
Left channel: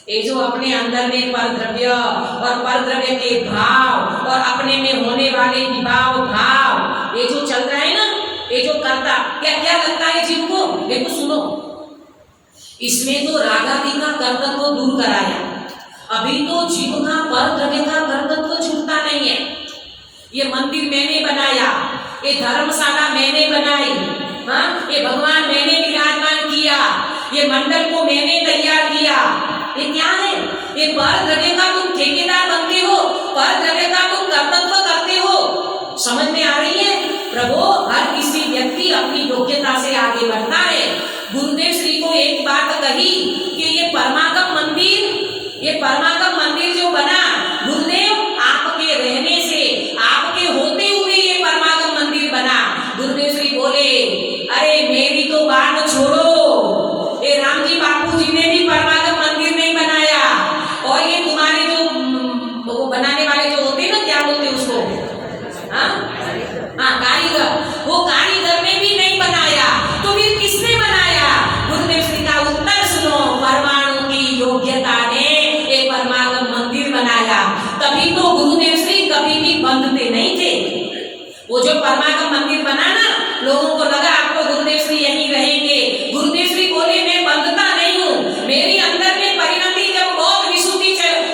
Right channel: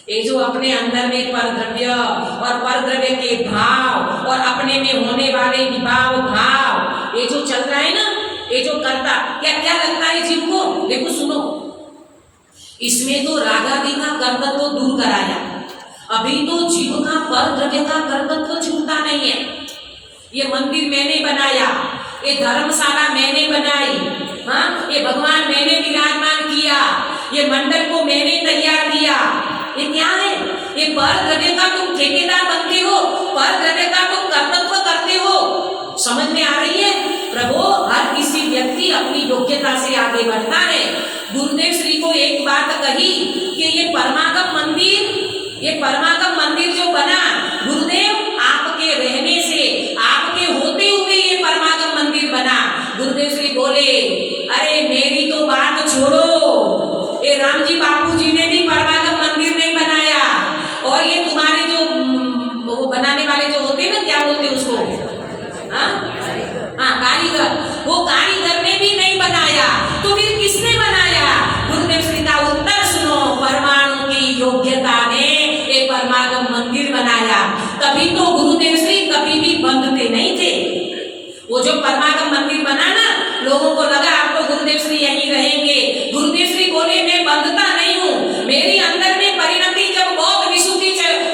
ये जो अपने अंदर में परद्रव्य और परद्रव्य के भाव और अपने में होने वाले विभाव भाव, ये जो चल रहा है ना, ये जो करता, क्या क्या लगता है जीव को? देखो सुनो, इसमें तो रागादि का कर्तव्य तो दूर कराया, अभी तो जीव का परद्रव्य का कर्तव्य तो छूटता नहीं है। ये मंदिर मैंने बनाया, ये धर्मशाला मैंने बनाई, हाँ, ये भगवान मैंने विराजमान किया, ये मंडल को मैंने तैयार किया, ये क्या है? ये परद्रव्य का तुम ठेकेदार बनते हो, परद्रव्य का तुम कर्तव्य करते हो। समझ में आ रही है? प्रभु, हर किसी व्यक्ति अपनी योग्यता से आगे बढ़ता है। गुरुदेव श्री को एक बात कही कि ये परमागम मंदिर जो बना, गुरुदेव आपके रहने से, आपके होते हुए ये परमागम मंदिर बना। गुरुदेव श्री बोले, अरे मेरी तो बात छोड़ो, ये राम जी बापू जी ने भी परमागम मंदिर नहीं बनाया, और ये तुम्हारे जो वो बनाने वाले जो होते हैं ना, क्या बोलते हैं उसको, हाँ कारीगर, वो कारीगर ने भी नहीं बनाया, तो फिर किसने बनाया? गुरुदेव श्री का उत्तर सुनो, परमाणु की योग्यता ने एक परमागम मंदिर बनाया। तभी तो गुरुदेव श्री कभी भी बंधते नहीं थे। वो जो परमागम मंदिर बना ना, लोगों को लगा आप तो गुरुदेव श्री यहीं रहेंगे। गुरुदेव श्री बोले, मैं बंधता नहीं हूँ, मेरी अंदर में परिणति जब बहुत विशुद्धि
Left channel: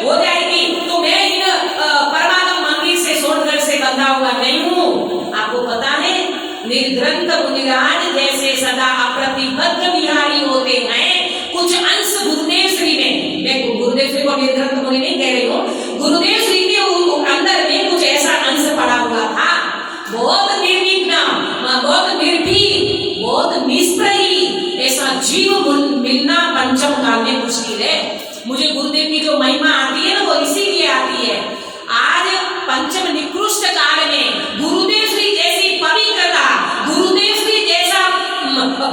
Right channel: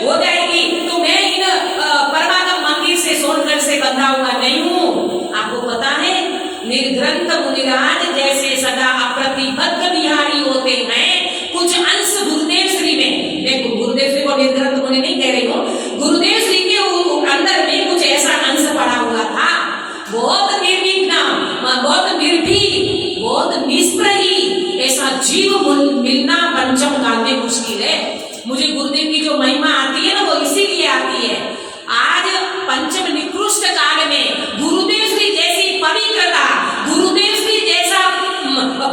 हो जाएगी तो मैं इन परमागम मंदिर से, सोनगढ़ से बंधा हुआ नहीं हूँ। आपको पता है, निर्ग्रंथ मुनिराज जैसे सदा अप्रतिबद्ध बिहारी होते हैं, कुछ अंश गुरुदेव श्री में, मैं गुरुदेव श्री को निर्ग्रंथ मुनि नहीं कह रही हूँ, गुरुदेव श्री के अंदर में कुछ ऐसा अंश पड़ा हुआ था, बहुत निर्विघ्न, बहुत निर्भीक, बहुत निष्प्रही, ऐसा जीव मिलना पंचम काल में मुश्किल है। मुझे गुरुदेव की जो महिमा आती है ना, वो इसीलिए आती है। आज पंचम निकृष्ट काल में गुरुदेव श्री जैसी पवित्रता, गुरुदेव श्री जैसा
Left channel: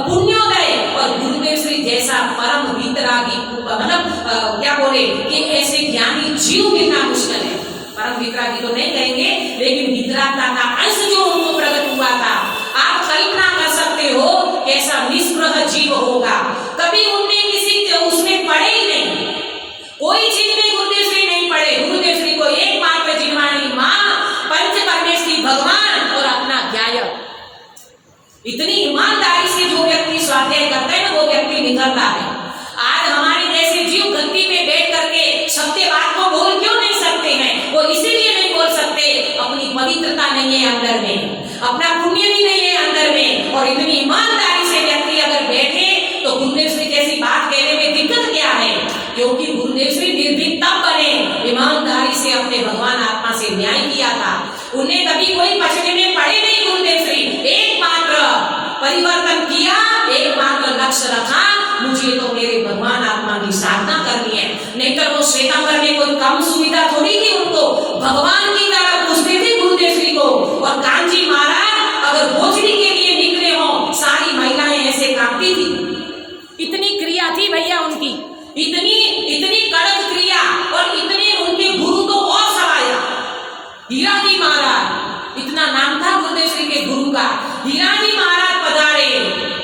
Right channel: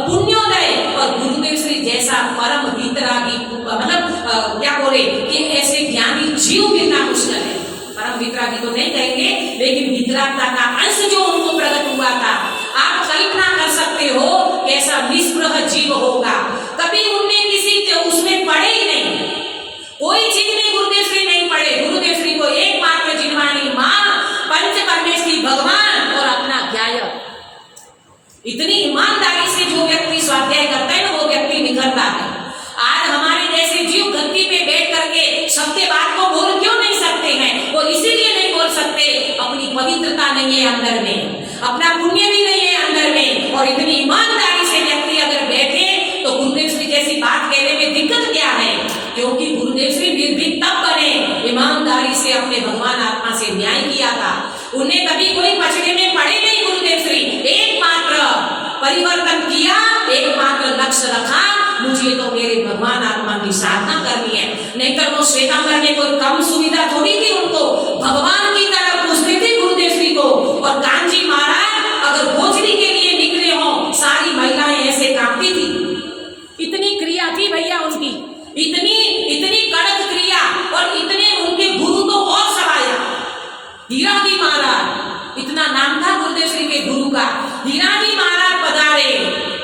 पुण्योदय और गुरुदेव श्री जैसा परम वितरागी, मतलब क्या बोले कि ऐसे ज्ञानी जीव मिलना मुश्किल है। परम वितरागी तो नहीं कहेंगे, लेकिन वितरागता का अंश जो उनको प्रकट हुआ था, आप कल्पना कर सकते हो कैसा निष्प्रह जीव होगा। कभी उनने किसी उसमें पढ़े ही नहीं, कोई चीज में गुरुदेव श्री नहीं पढ़े। गुरुदेव श्री को एकमात्र जिनवानी माँ, पंच परमेश्वरी भगवान और अपना ज्ञाय। इतनी ईमानदारी से जो व्यक्ति स्वाध्याय करता है ना, वो व्यक्ति निखरता है। आज हमारे जैसे जीव गद्दी पे बैठ करके सत्य बात को बोल क्यों नहीं सकते हैं? वो इसीलिए नहीं बोल सकते, अपनी पवित्रता नहीं है अंदर में, अपना पुण्य भी नहीं है अंदर में। और इतनी ईमानदारी से व्यक्ति अगर बैठे तो गुरुदेव श्री जैसी बात कहने में दिक्कत क्या है? क्योंकि गुरुदेव श्री निर्भीक तब बने, ईमानदारी से अपने भगवान आत्मा से न्याय किया था। उन्हें कभी कोई पचड़े में पड़े नहीं। गुरुदेव श्री एकमात्र परिवर्तन किया, एकमात्र लक्ष्य रखा, मुझे तो मेरे भगवान आत्मा की साधना करनी है। नहीं तो वो श्वेतांबर में कोई कम सुविधा थोड़ी थी, उनको भगवान की तरफ पूछते थे गुरुदेव श्री को। और कांजी महाराज अगर भोजरी के लिए निकले हो, सारी महिलाएं ऐसे कांपती थी। इतनी क्रिया थी भैया उनकी, इतनी कड़क क्रिया, और इतने उनके गुरु तो और सवाया। हीरा जी महाराज, इतना नाम था गुरुदेव श्री के गुरु का। हीरा जी महाराज पधारे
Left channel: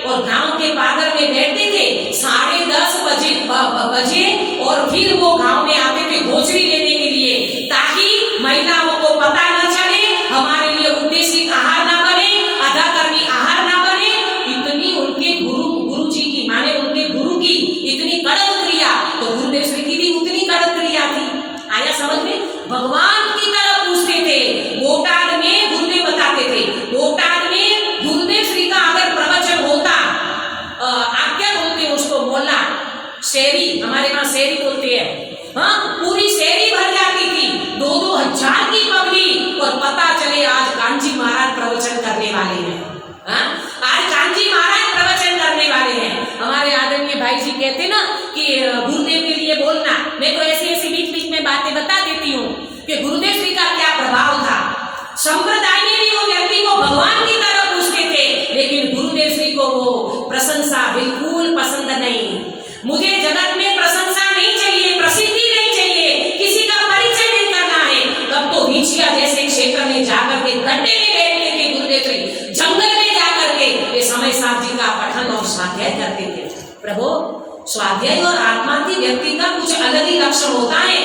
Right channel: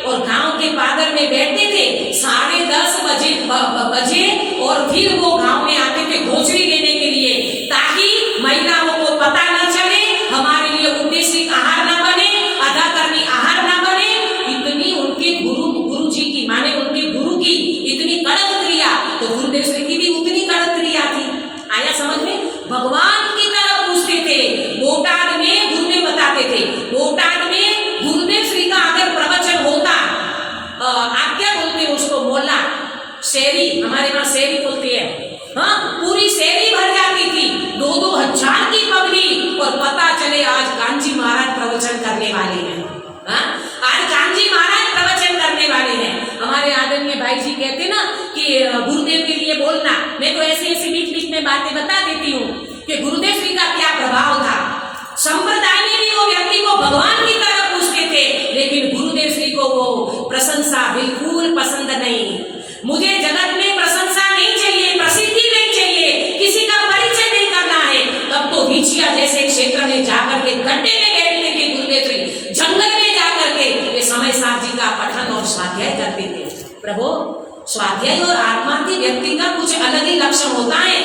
और गांव के पादर में बैठते थे 10:30 बजे और फिर वो गांव में आते थे भोजरी लेने के लिए, ताकि महिलाओं को पता न चले, हमारे लिए उद्देश्य आहार ना बने, अधाकर्मी आहार ना बने। इतनी उनके गुरु जी की, माने उनके गुरु की इतनी कड़क क्रिया, तो गुरुदेव श्री की भी उतनी कड़क क्रिया थी। आया समझ में? भगवान की तरफ पूछते थे। बोटाद में गुरुदेव बताते थे, बोटाद में गुरुदेव श्री का अगर प्रवचन होता, आप क्या बोलते हो उसको, मोहल्ला शेरी, हमारे यहाँ शेरी बोलते हैं, हाँ, पूरी शेरी भर जाती थी, 2-2 हजार की पब्लिक। और पता चले आज कांजी महाराज प्रवचन करने वाले हैं, हाँ, आज कांजी महाराज प्रवचन करने वाले हैं। हमारे आदरणीय भाई जी कहते ना कि गुरुदेव के लिए बोलना, मैं तो ऐसी बीच बीच में बातें बता देती हूँ कि गुरुदेव श्री का क्या प्रभाव था। संप्रदाय में भी वो व्यक्ति को भगवान की तरफ पूछते थे, लेकिन गुरुदेव श्री को वो प्रशंसा बिल्कुल पसंद नहीं। मुझे जगत में प्रशंसा नहीं चाहिए, प्रसिद्धि नहीं चाहिए, किसी का परिचय नहीं करना है। तब तो भिचिया जैसे क्षेत्र में जाकर के गड्ढे में बैठते थे गुरुदेव श्री, जंगल में जाकर के ये समय साथ जी का पठन और स्वाध्याय करते थे। प्रभु, स्वाध्याय और आत्मार्थी व्यक्ति का कुछ अलग ही लक्षण होता है,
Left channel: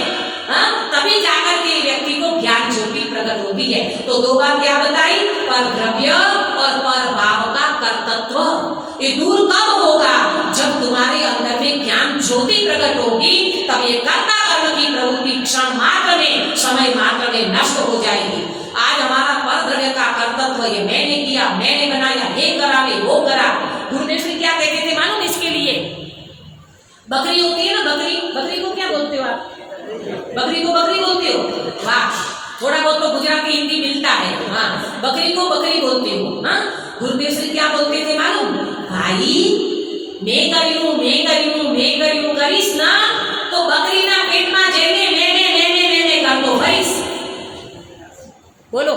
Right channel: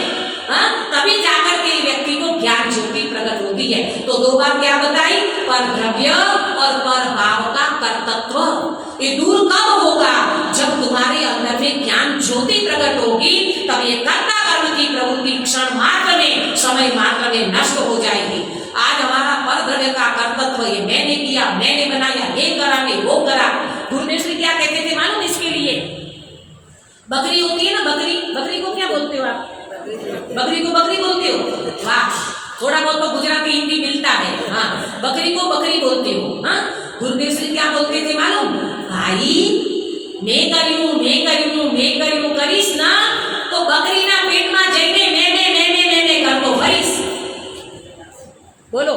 तभी जाकर के व्यक्ति को ज्ञान ज्योति प्रकट होती है। तो दो बार क्या बताई, पर द्रव्य और पर भाव का कर्तृत्व। ये दूर कब होगा, जब तुम्हारे अंदर में ज्ञान ज्योति प्रकट होगी, तब ये कर्ता कर्म की प्रवृत्ति क्षण मात्र में, समय मात्र में नष्ट हो जाएगी। आज हमारा पर द्रव्य का कर्तृत्व, ये मैंने किया, मैंने बनाया, ये करा, मैं वो करा। गुरुदेव श्री क्या कहते थे मालूम इसके लिए? बकरी होती है ना, बकरी, बकरी को क्या बोलते हो आप? बकरी को बकरी बोलते हो? वाह, थोड़ा बहुत तो गुजराती हिंदी मिलता है। हाँ, बकरी को बकरी बोलते हो। हाँ, गुरुदेव श्री क्या बोलते थे मालूम? भाई मैं करियूं करीस ना तो बकरी ना पेट में जઈને मैंने कर दो भरीस। बोलो,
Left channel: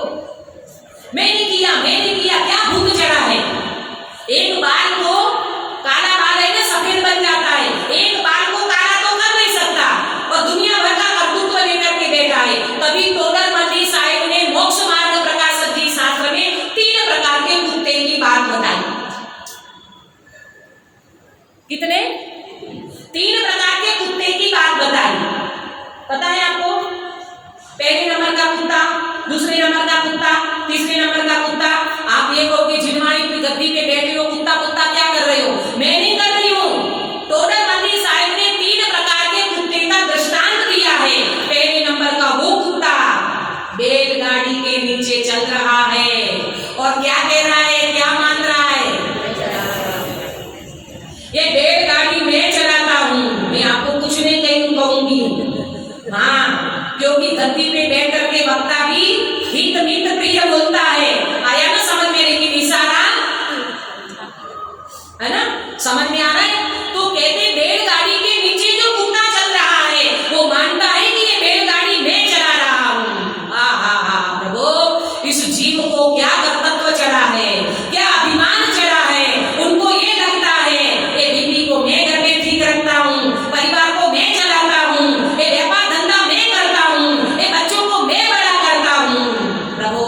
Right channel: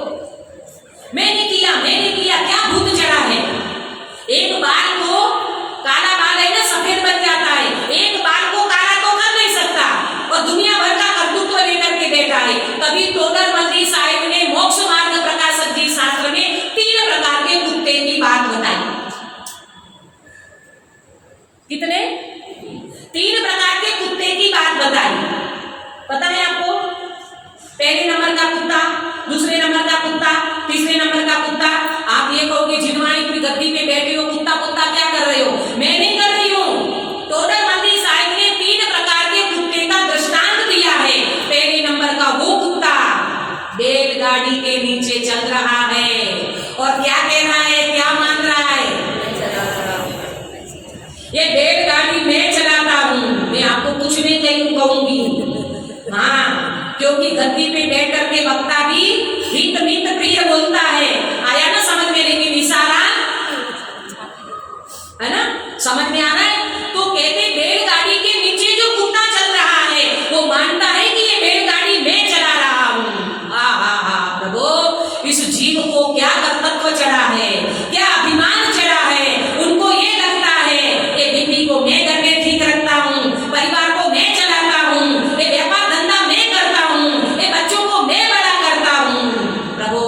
मैंने किया, क्या भूत चढ़ा है? एक बाल को काला बाल है ना, सफेद बन जाता है, एक बाल को काला तो कर नहीं सकता, और दुनिया भर का कर्तृत्व लेकर के बैठा है। तभी टोडर मल्ली साहिब ने मोक्ष मार्ग प्रकाशक जी शास्त्र में 3 प्रकार के कुत्ते की बात बताई। कितने? 3 प्रकार के कुत्ते की बात बताई। पता है आपको? पहले नंबर का कुत्ता, दूसरे नंबर का कुत्ता, तीसरे नंबर का कुत्ता। आप ये कहोगे झिलवाणी की गद्दी पे बैठे हो, कुत्ता क्या कर रहे हो? मैं नहीं कर रही हूँ। टोडर मल्ली साहिब ने 3 प्रकार के कुत्ते का दृष्टांत दिया है। पहले नंबर का वो कुत्ता बैलगाड़ी के नीचे चल रहा है और क्या कह रहा है, क्या मान रहा है? ये बैलगाड़ी मैं चलाता हूँ, मैं आपको कुछ नहीं कहूंगी। हाँ, क्योंकि गद्दी पे बैठ करके वक्ता भी हित मित प्रिय बोलता है। आया ना समझ में? लेकिन इशारा है ना, समझ में आ रहा है? तो कहते बैलगाड़ी के नीचे जो कुत्ता चल रहा है वो मानता है कि ये बैलगाड़ी मैं चला रहा हूँ। हाँ प्रभु, इस जीव को क्या कर्तृत्व चढ़ा है, क्या अभिमान चढ़ा है। उनको ये लगता है ये बीबी को मैं घर में ठीक रखता हूँ, परिवार को मैं चलाता हूँ, ये व्यापार धंधा मैं करता हूँ, ये बच्चों को मैं बड़ा करता हूँ। प्रभु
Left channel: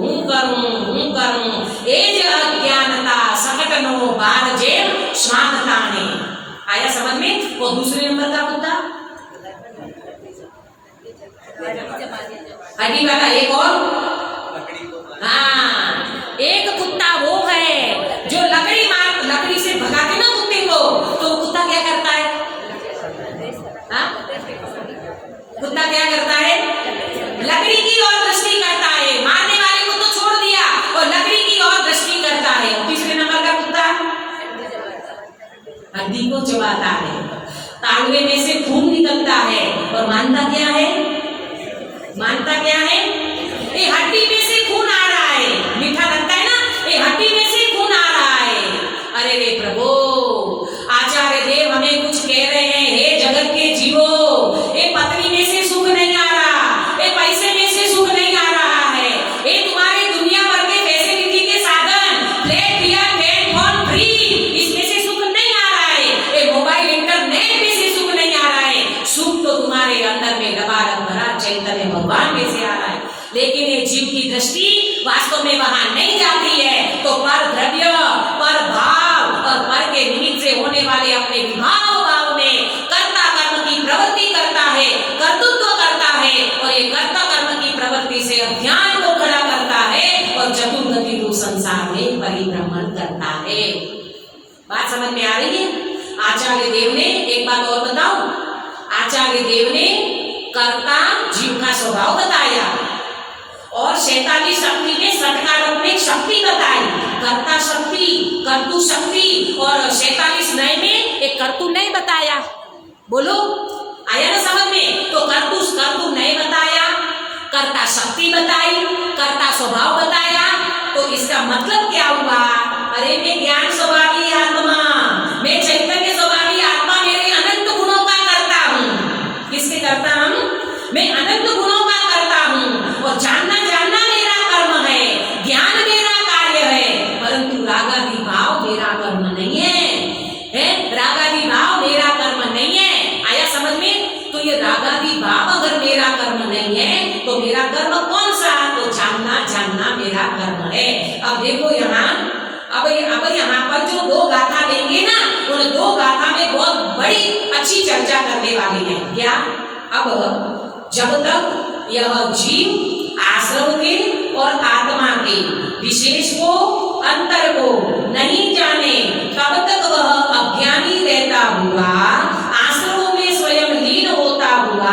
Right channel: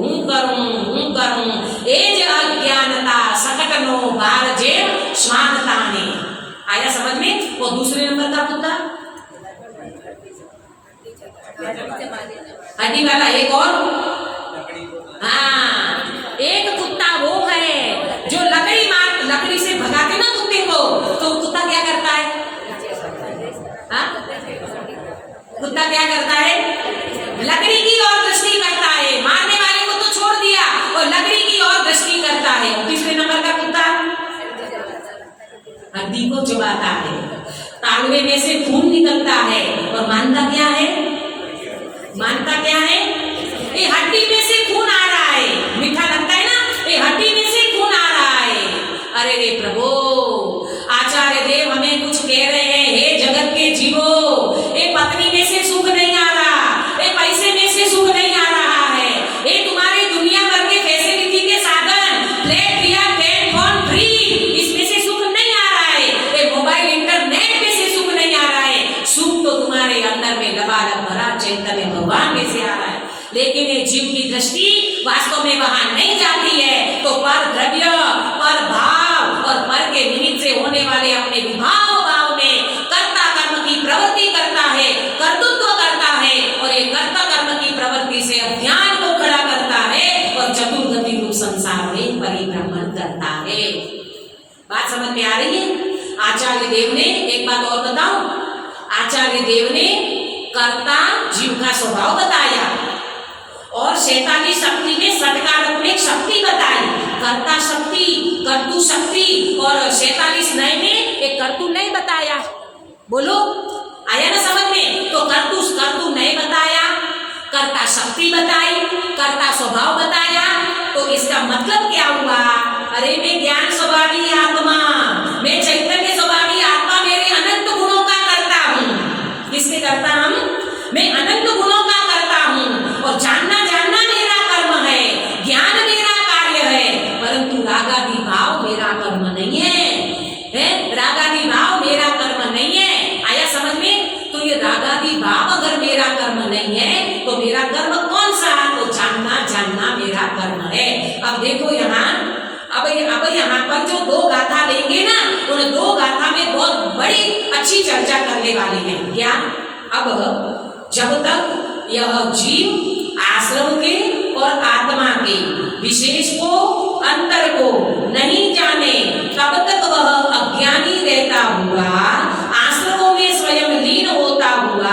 हूँ करूँ एज अज्ञानता सकटनो बार जेम स्वानताने। आया समझ में? वो दूसरे नंबर का कुत्ता हड्डी वाला। एक और, हाँ, एक कुत्ता वो है जो लकड़ी से भगाते ना कुत्ते को, तो कुत्ता क्या करता है? हाँ, कुत्ता क्या करता है? लकड़ी की ओर दृष्टि करता है। मारने वाले को तो छोड़ दिया और लकड़ी की ओर दृष्टि करता है। तीसरे नंबर का कुत्ता हड्डी को चबाता है, तालवे में से खून निकलता है और मानता क्या है? ये हड्डी में से खून आ रहा है। मीठा लगता है ना, ये हड्डी में से खून आ रहा है। अरे रे प्रभु, आचार्य देव हमें कुछ कह रहे हैं, हे जगत के जीवो, ये पत्नी में से सुख नहीं आ रहा, ये पैसे में से सुख नहीं आ रहा है, ये तुम्हारे दुनिया भर के फैसिलिटी के साधन, फ्लैट दिया, फोन फ्री, इसमें से सुख नहीं आ रहा है, ये मोबाइल इंटरनेट में से सुख नहीं आ रहा है। सुख तो तुम्हारे अंदर में लबालब भरा चैतन्य भगवान में से आ रहा है। लेकिन ये जीव की दृष्टि वास्तव में वहां नहीं जाती है। तो पर द्रव्य, पर भाव और पर के निमित्त से होने वाले अपने विभाव भाव में कर्ता कर्म की प्रवृत्ति करता है, कर्तृत्व करता है, और ये कर्ता कर्म की प्रवृत्ति से अज्ञान को खड़ा करता है और चतुर्गति रूप संसार में परिभ्रमण करता है। बात समझ में आ रही है? आचार्य देव ने एक बात और बताऊं, आचार्य देव ने कर्ता जीव का स्वभाव बताया और 46 शक्ति में षटकारत्मक शक्ति बताई। कर्ता शक्ति, कर्तु शक्ति, और 46 नए में एक कर्तु नए बताया। बोलो, आया ना समझ में? तो कर्तु नए बताया, कर्ता शक्ति बताई, कर्ता स्वभाव बताया। तो इसका मतलब क्या हुआ? अरे मैं ज्ञान स्वभावी आत्मा, मैं चैतन्य स्वभावी आत्मा, मेरे अनंत गुणों का करता हूँ। किसके करता हम? मैं अनंत गुणों का करता हूँ और जानना मेरा कर्म है, ज्ञान मेरा कार्य है, परंतु रागादि भाव मेरा कर्म नहीं है, रागादि भाव मेरा कर्म नहीं है। आया समझ में? तो ये रागादि भाव अगर मेरा कर्म नहीं है तो मेरा कर्म कौन सा है? तो जानना मेरा कर्म है। अब देखो यहाँ, अब यहाँ पर जो 2 गाथा लेंगे ना, उन 2 गाथा में बहुत बड़ी अच्छी चर्चा करने वाले हैं। क्या? अब जब तक यह जीव आश्रम के और आत्मा के विशेष को, अंतर को नहीं जाने, तब तक वह अज्ञानी रहता हुआ, आश्रमों में स्वयं लीन होता हुआ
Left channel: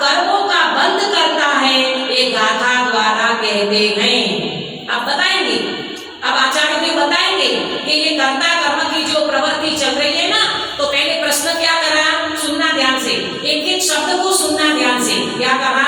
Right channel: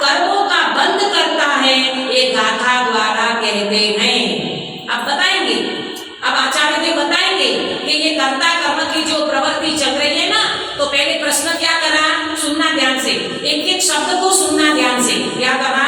कर्मों का बंद करता है, ये गाथा द्वारा कहते हैं। अब बताएंगे, अब आचार्य देव बताएंगे कि ये कर्ता कर्म की जो प्रवृत्ति चल रही है ना, तो पहले प्रश्न क्या करा, सुनना ध्यान से, एक एक शब्द को सुनना ध्यान से। क्या कहा?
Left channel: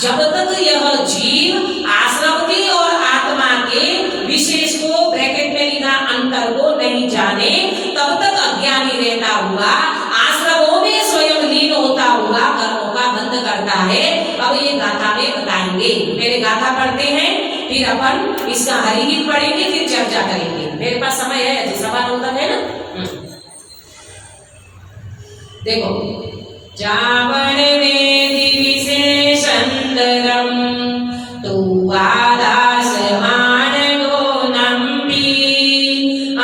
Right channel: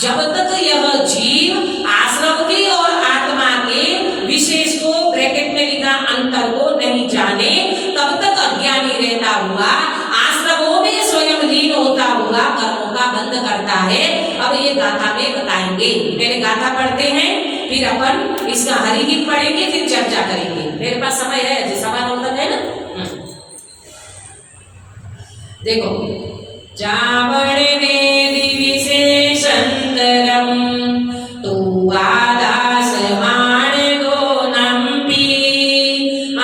जब तक यह जीव आश्रम के और आत्मा के विशेष को, ब्रैकेट में लिखा अंतर को नहीं जाने, तब तक अज्ञानी रहता हुआ, आश्रमों में स्वयं लीन होता हुआ कर्मों का बंद करता है। अब ये गाथा में बताएंगे। पहले गाथा पढ़ते हैं, फिर अपन इसका हरिगीत पढ़ेंगे, फिर चर्चा करेंगे। मेरे पास समय है अजी, 9:15 तक है ना। देखो, जावण वेदी विशेषंतरम तू आदास मानगो नंपी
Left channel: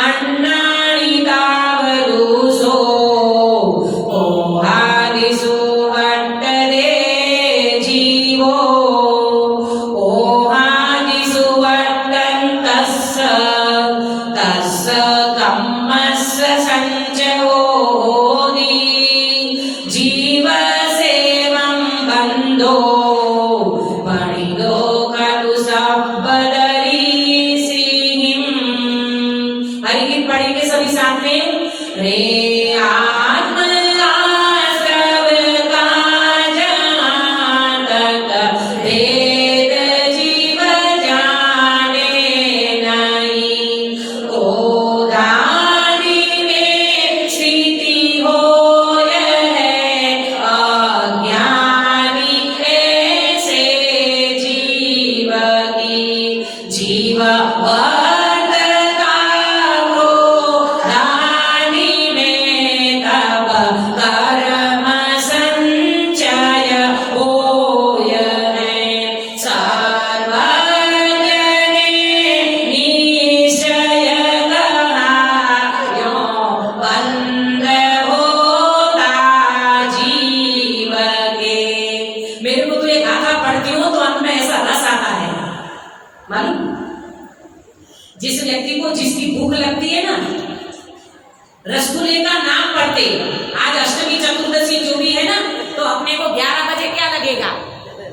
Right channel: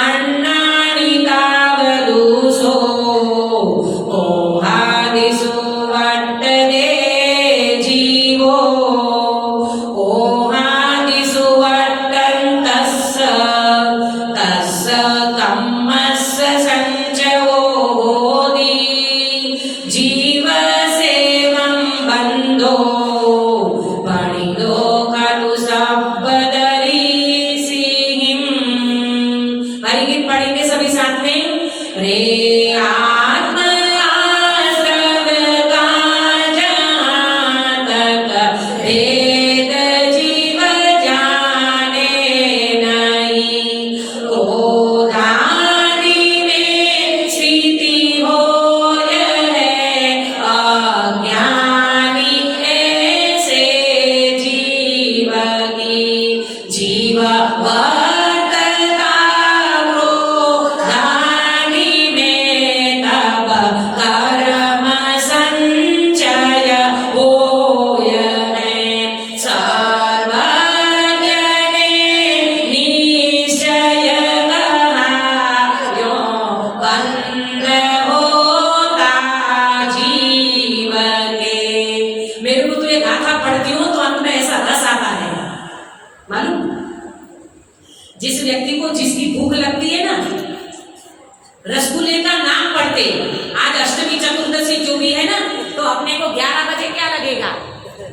अन्नानि तावरुसो ओहादिसु वट्टरे जीवो ओहादिसु वट्टन्तस्य तस्य कम्मस्य संचयो जीव सेवं बंधो बणिदो खलु सब्बदरी सिंहिम। हरिगीत पढ़ेंगे सभी साथ में। रे आत्म आश्रव का जहाँ तक भेद जीव जाने नहीं, क्रोधादि में स्थिति हो जीव वर्तता क्रोधानि में, तब कर्म संचय होय है। सर्वज्ञ ने निश्चय कहा, यो बंद होता जीव के। मेरे को तो ये गाथा पढ़ती हूँ तो अंत में ऐसा रस आता है, मालूम? जिस व्यक्ति को जिसकी भूख लगती है ना, रसगुल्ले का नाम पढ़ते, आज अष्टमी चतुर्दशी जो भी है ना, तो अपने को 11 बजे क्या लगेगा?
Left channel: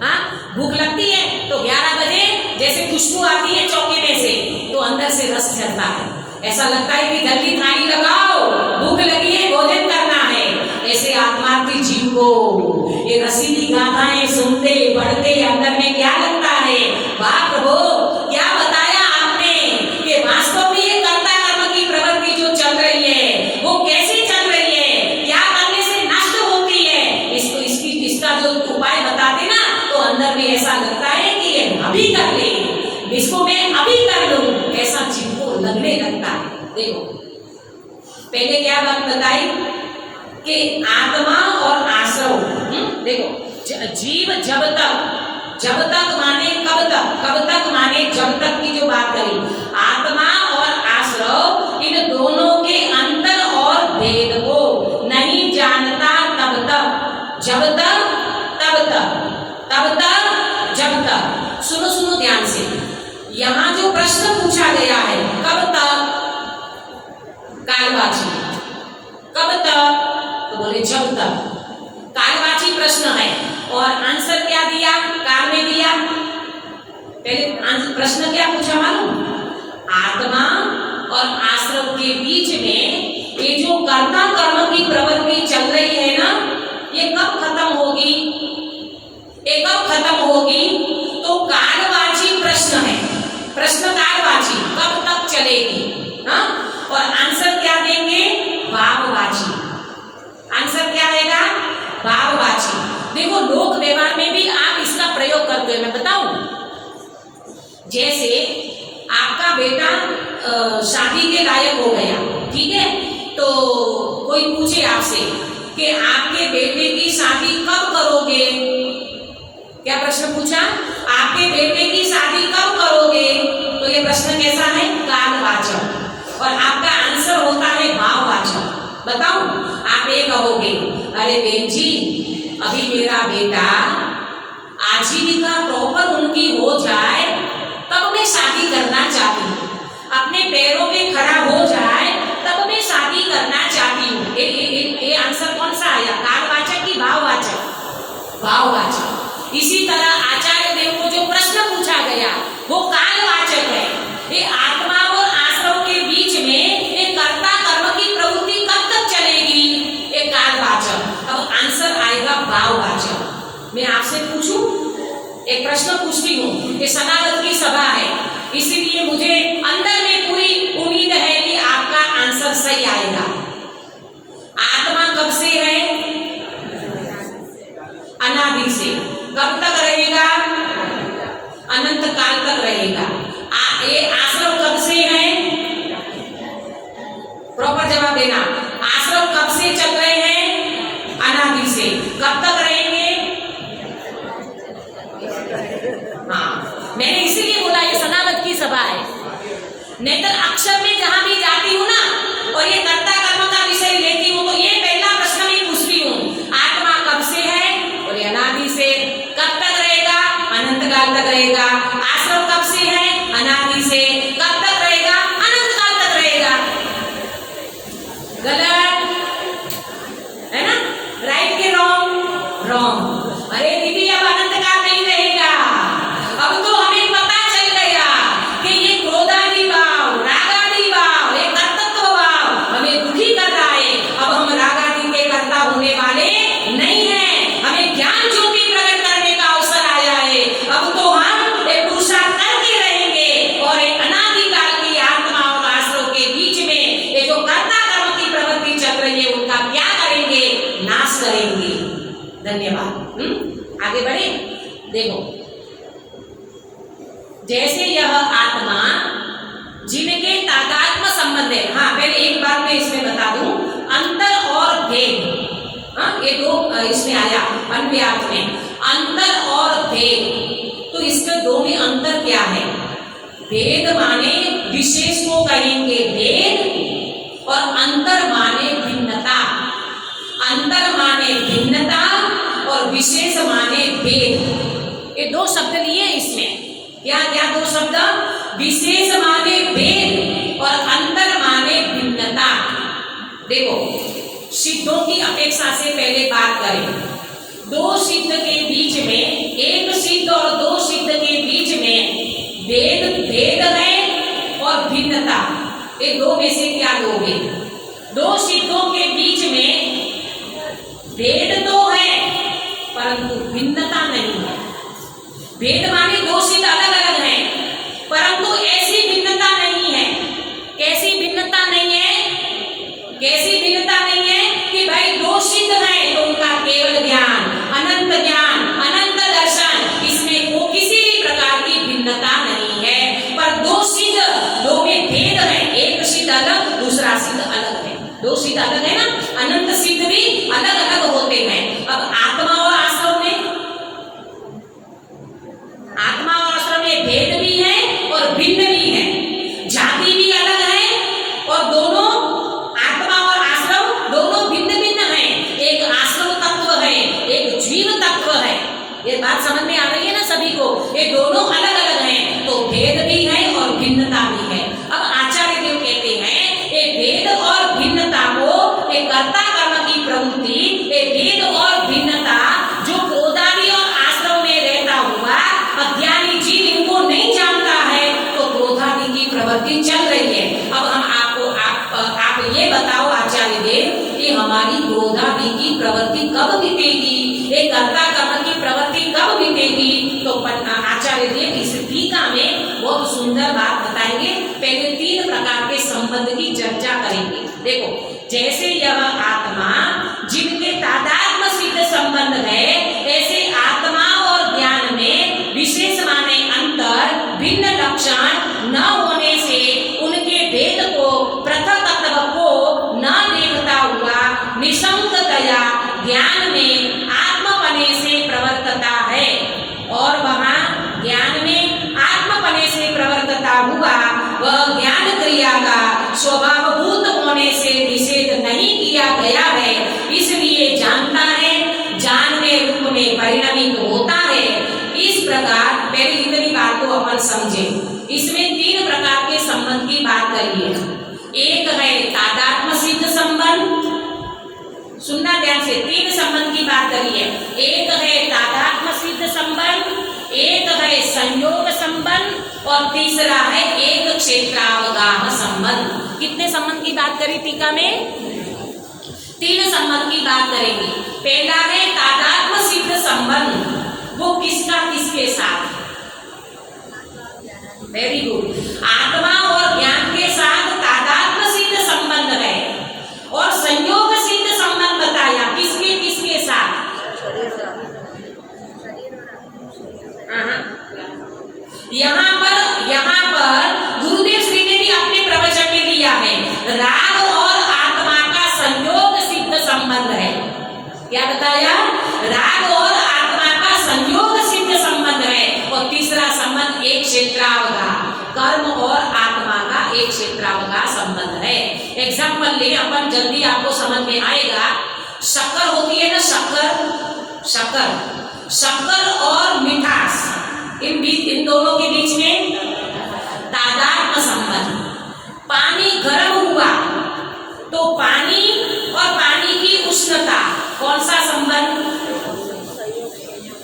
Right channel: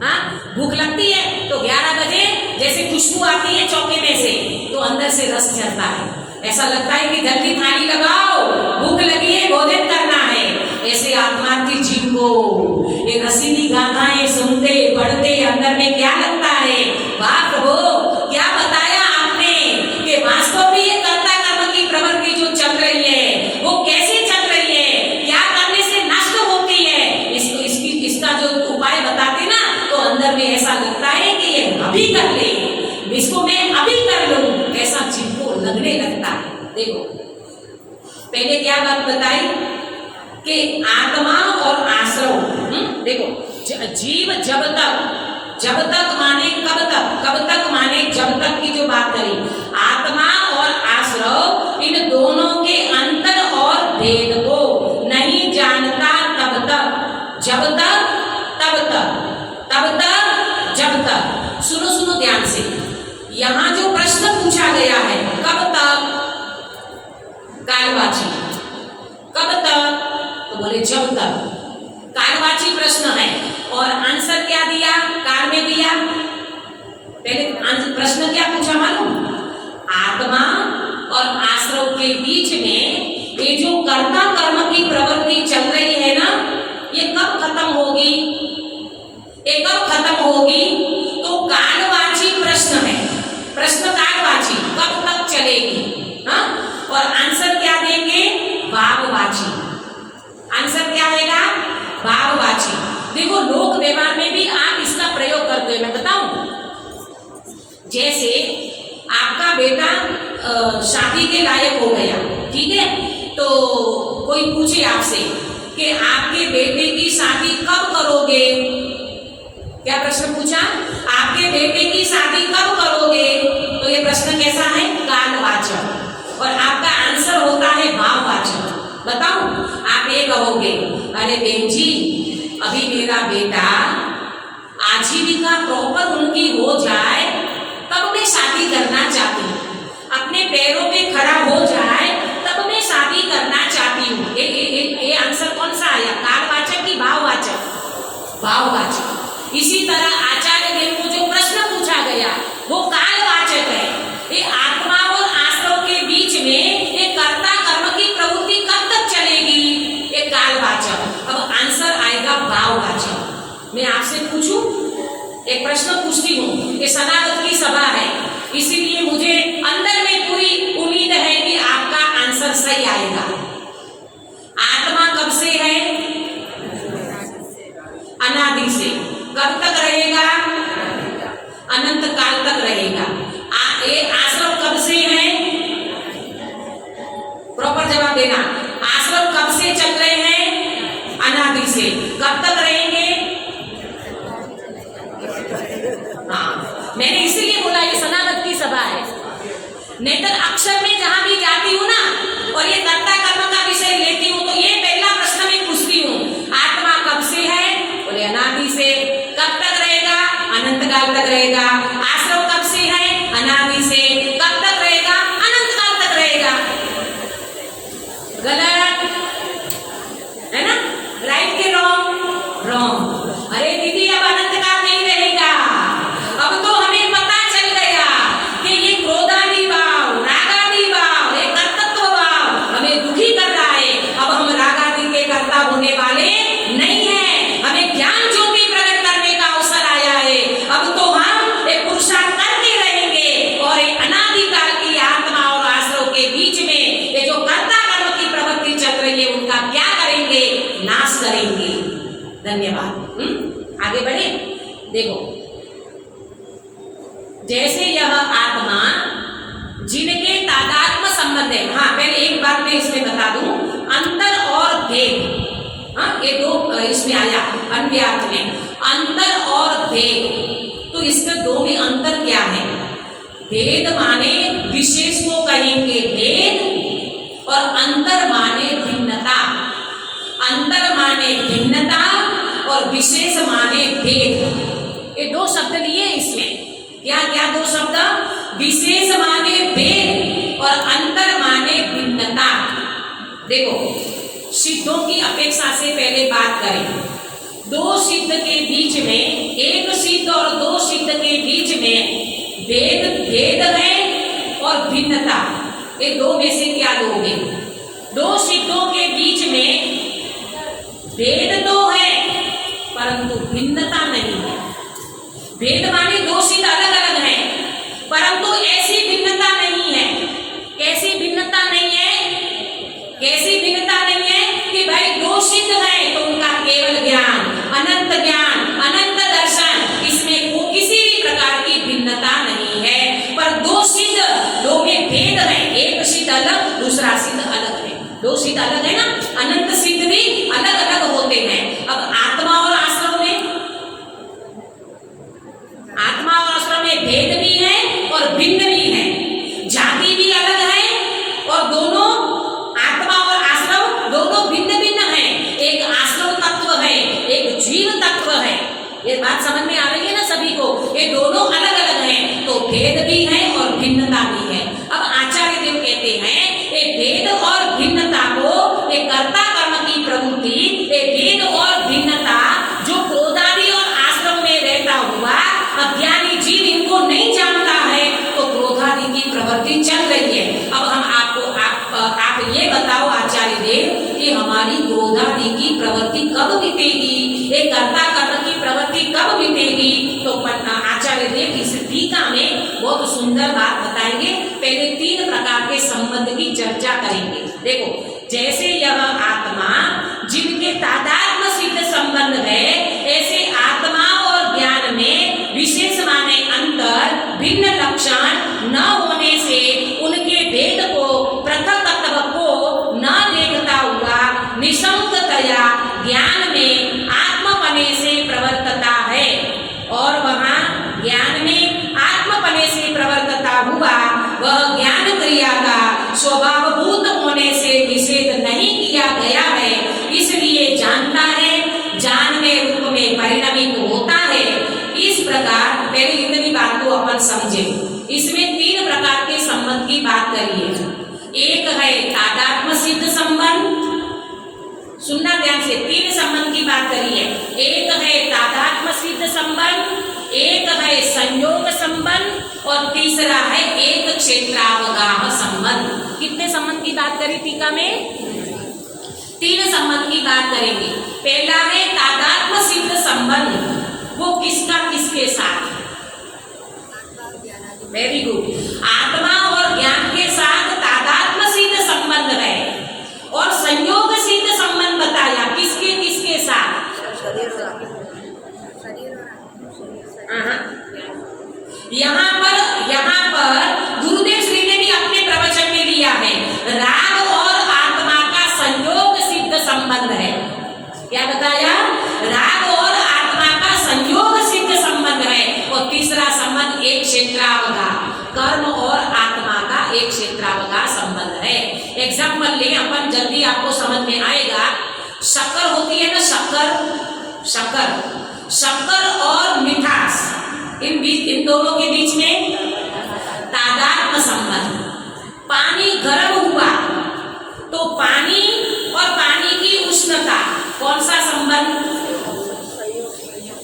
हाँ, भूख लगती है तो 11 बजे जैसे खुशबू आती है चौके में से, तो अंदर से रस चढ़ता है, ऐसा लगता है कि जल्दी थाली लगाओ, भूख लगी है, भोजन करना है। ऐसे आत्मा की जीव को ये रसीली गाथाएं सुनते पढ़ते अंदर में क्या लगता है? वाह प्रभु, क्या बताया आपने कि वास्तव में ये कर्ता कर्म की प्रवृत्ति जो चल रही है वो कैसे चल रही है, क्या करने से नष्ट होती है, इसका जो उपाय बताते ना, तो अंदर में ऐसा लगता है कि ये अभी कर ले, इसको मैं अभी कर लूं, ऐसा जीव को लगने लगता है। देखो, पहले क्या बात बताई कि आत्मा और आश्रम। देखो, जीव जब तक माने कब तक माने जब तक की जो बात करी, आत्मा और आश्रव इन दोनों के अंतर और भेद को नहीं जानता तब तक, जब तक तब तक जब तक। सुनो ध्यान से, यहाँ जो प्रश्न पूछा गया है, कब तक, कालवाची, कब तक, तो बोले जब तक, कालवाची प्रश्न है। और आंसर क्या दिया? काल में दिया। पहले प्रश्न क्या पूछा मालूम? आत्मा और आश्रव के बीच में ये जो कर्ता कर्म की प्रवृत्ति चल रही है ना, ये कब खत्म होगी? ये कब खत्म होगी? तो कालवाची प्रश्न है, प्रश्न कालवाची, कब तक चलेगी? हाँ, और आंसर क्या देंगे? भाववाची। आंसर क्या देगा? भाववाची। देखो, लोक व्यवहार में भी आप इसका प्रयोग करते हो, मैं बताऊं। जैसे आपका बेटा शादी के लायक हो गया, ठीक है, तो कोई पूछे आपसे कि आपके बेटे की शादी कब करोगे? क्या प्रश्न पूछा? आपके बेटे की शादी कब करोगे? तो ये प्रश्न कैसा है? कालवाचक। और आपका आंसर होता है भाववाचक। बताऊं? आप ये कहोगे, अरे बहन जी अभी मेरा बेटा आजीविका प्रॉपर उनकी हो जाए तब मैं शादी करना चाहती हूँ, अपने पैरों पे खड़ा हो जाए तब मैं शादी करना चाहती हूँ। ये आंसर कौन सा आया, कालवाचक की भाववाचक? भाववाचक। इसी तरह आचार्य देव को जो प्रश्न पूछा गया वो कालवाचक है। ये आत्मा और आश्रम के बीच में ये कर्ता कर्म की प्रवृत्ति कब तक चलेगी, ये कालवाचक। अब आंसर आएगा भाववाचक। मैं आपसे पूछूं, एक प्रश्न पूछती हूँ, ये सनातन की सभा है इसीलिए मुझे अंदर में पूरी उम्मीद है कि आपका आंसर सही आएगा। आत्मा कब से है? अनादि से। कब तक रहेगा? अनंत काल तक रहेगा। ये आश्रम कब से है? प्रॉपर जवाब देना। आश्रम कब से चल रहे हैं? अनादि से। कब तक रहेंगे? हाँ, मैंने इसीलिए बोला ये सनावत की सभा है। नहीं तो अक्षर में जहां भी जाती हूँ ना और ये कर्ता कर्म का विषय लेती हूँ तो ये पहला प्रश्न मैं पूछती हूँ, आत्मा कब से है? बोले अनादि से। कब तक रहेगा? अनंत काल तक रहेगा। आश्रम कब से है? अनादि से। कब तक रहेगा? अनंत काल तक रहेगा। गलत है ना? राइट के रॉन्ग? रॉन्ग। अरे दीदी अब अनंत काल नहीं रहेगा। अब तो हमें पता चल गया कि ये क्रोधादि भाव, रागादि भाव, ये कर्तृत्व भाव हमें दुखी कर रहा है। अब हम रागादि के कर्ता होने वाले नहीं है। हमें ज्ञान ज्योति प्रकट करने का अवसर आया है। अब तो हम एक पुरुषार्थ करते रहेंगे और एक अनादिकाल की आत्मा और आश्रम के बीच में ये जो कर्ता कर्म की प्रवृत्ति चल रही है उनका क्या करेंगे? नाश करेंगे। धन्यवाद। आगे बढ़े। देखो, जैसे यह आत्मा जिनके तादात्म्य संबंध है। हाँ, पहले एक बात मैं इसमें बता दूं, अंतर और भेद। हाँ, ये दो इसमें आया अन्व्याप्त में, अंतर और भेद। तो इसके दो में अंतर क्या है? भेद माने विशेष को कहेंगे भेद और अंतर माने भिन्नता। अंतर माने भिन्नता और विशेष माने भेद। ये दो शब्द लिए इसमें। क्या क्या दो शब्द? विशेष माने भेद और अंतर माने भिन्नता। देखो, सिद्धों की अपेक्षा से पहले बात करें। दो सिद्ध के बीच में, एक सिद्ध और दो सिद्ध के बीच में भेद है और भिन्नता। ये दो में से क्या लोगे? दो सिद्धों के बीच में भेद तो है परंतु भिन्नता नहीं है। भेद माने दो सिद्ध अलग अलग हैं परंतु ऐसी भिन्नता नहीं है। कैसी भिन्नता नहीं है? कैसी भिन्नता नहीं है कि भाई दो सिद्ध हैं तो उनका केवल ज्ञान, अनंत दर्शन, इसमें वो किसी भी प्रकार की भिन्नता नहीं है। पर दो सिद्ध, दो में भेद है। एक सिद्ध अलग, दूसरा सिद्ध अलग है। दो सिद्ध अलग है ना, अनंत सिद्ध भी अलग अलग होते हैं। अब आत्मा और आश्रम में भेद भी है और भिन्न भी है। जाति भी अलग है और दोनों आत्मा और आश्रम दोनों भिन्न भिन्न है। एक आश्रम तत्व है, एक जीव तत्व है। ये बात समझ में आ रही है ना सभी को? ये दोनों अलग अलग हैं तो भेद भी है और भिन्नता भी है। अब आचार्य देव कहते हैं ये भेद और भिन्नता को, ये कर्ता कर्म की प्रवृत्ति, ये भेद और भिन्नता जो क्रोधादि और आश्रम में रहता हुआ अज्ञानी जीव इनको नहीं जानता है तो क्रोधादि की प्रवृत्ति चल रही है। अब हम आप ये बताओ आचार्य देव, ये हमारी क्रोधादि की प्रवृत्ति कब मिटेगी? ये कर्ता कर्म की प्रवृत्ति कब मिटेगी? तो आचार्य देव इस टीका में बहुत सुंदर बात बताएंगे। पहले तीन प्रकार के संबंध की चर्चा करेंगे। देखो, जैसे यह आत्मा जिनके तादात्म्य सिद्ध संबंध है, ऐसे आत्मा और ज्ञान में विशेष माने अंतर, भिन्न लक्षण न होने से उनके भेद को, पृथक तत्व को न देखता हुआ निशंकतया ज्ञान में आत्मपने से प्रवर्तता है। और वहां ज्ञान में आत्मपने से प्रवर्तता हुआ वह ज्ञान क्रिया का स्वभावभूत होने से निषेध नहीं किया गया है, इसलिए जानता है, जानने रूप में परिणमित होता है। इस प्रकार पहले इतनी बात को अपन समझे। इसमें 3 प्रकार के संबंध की बात करिए। एक है तादात्म्य सिद्ध संबंध, सुनना ध्यान से, 3 संबंध की बात करिए। एक है तादात्म्य सिद्ध संबंध, एक है संयोग संबंध और तीसरा है एक क्षेत्रावगाह संबंध। कितने संबंध की बात करी टीका में? 3 संबंध की बात करेंगे। पहला है तादात्म्य सिद्ध संबंध, वो किसका किसके साथ? वेरी गुड, आत्मा और ज्ञान के साथ तादात्म्य सिद्ध संबंध है। और संयोग सिद्ध संबंध बताया, किसके किसके साथ? यहाँ पर गुरुदेव श्री ने भी अपने प्रवचन में लिया है, राग और आत्मा का संयोग सिद्ध संबंध है। क्या बताया? राग और आत्मा का संयोग सिद्ध संबंध है। और तीसरा संबंध एक क्षेत्रावगाह, कर्म और आत्मा का एक क्षेत्रावगाह संबंध है। एग्जाम्पल ले अपन, जल्दी आपको समझ में आएगा। शक्कर होती है ना, शक्कर और मिठास, इन दोनों के बीच में तादात्म्य संबंध। पानी गर्म हुआ तो पानी और पानी की उष्णता, कौन सा संबंध?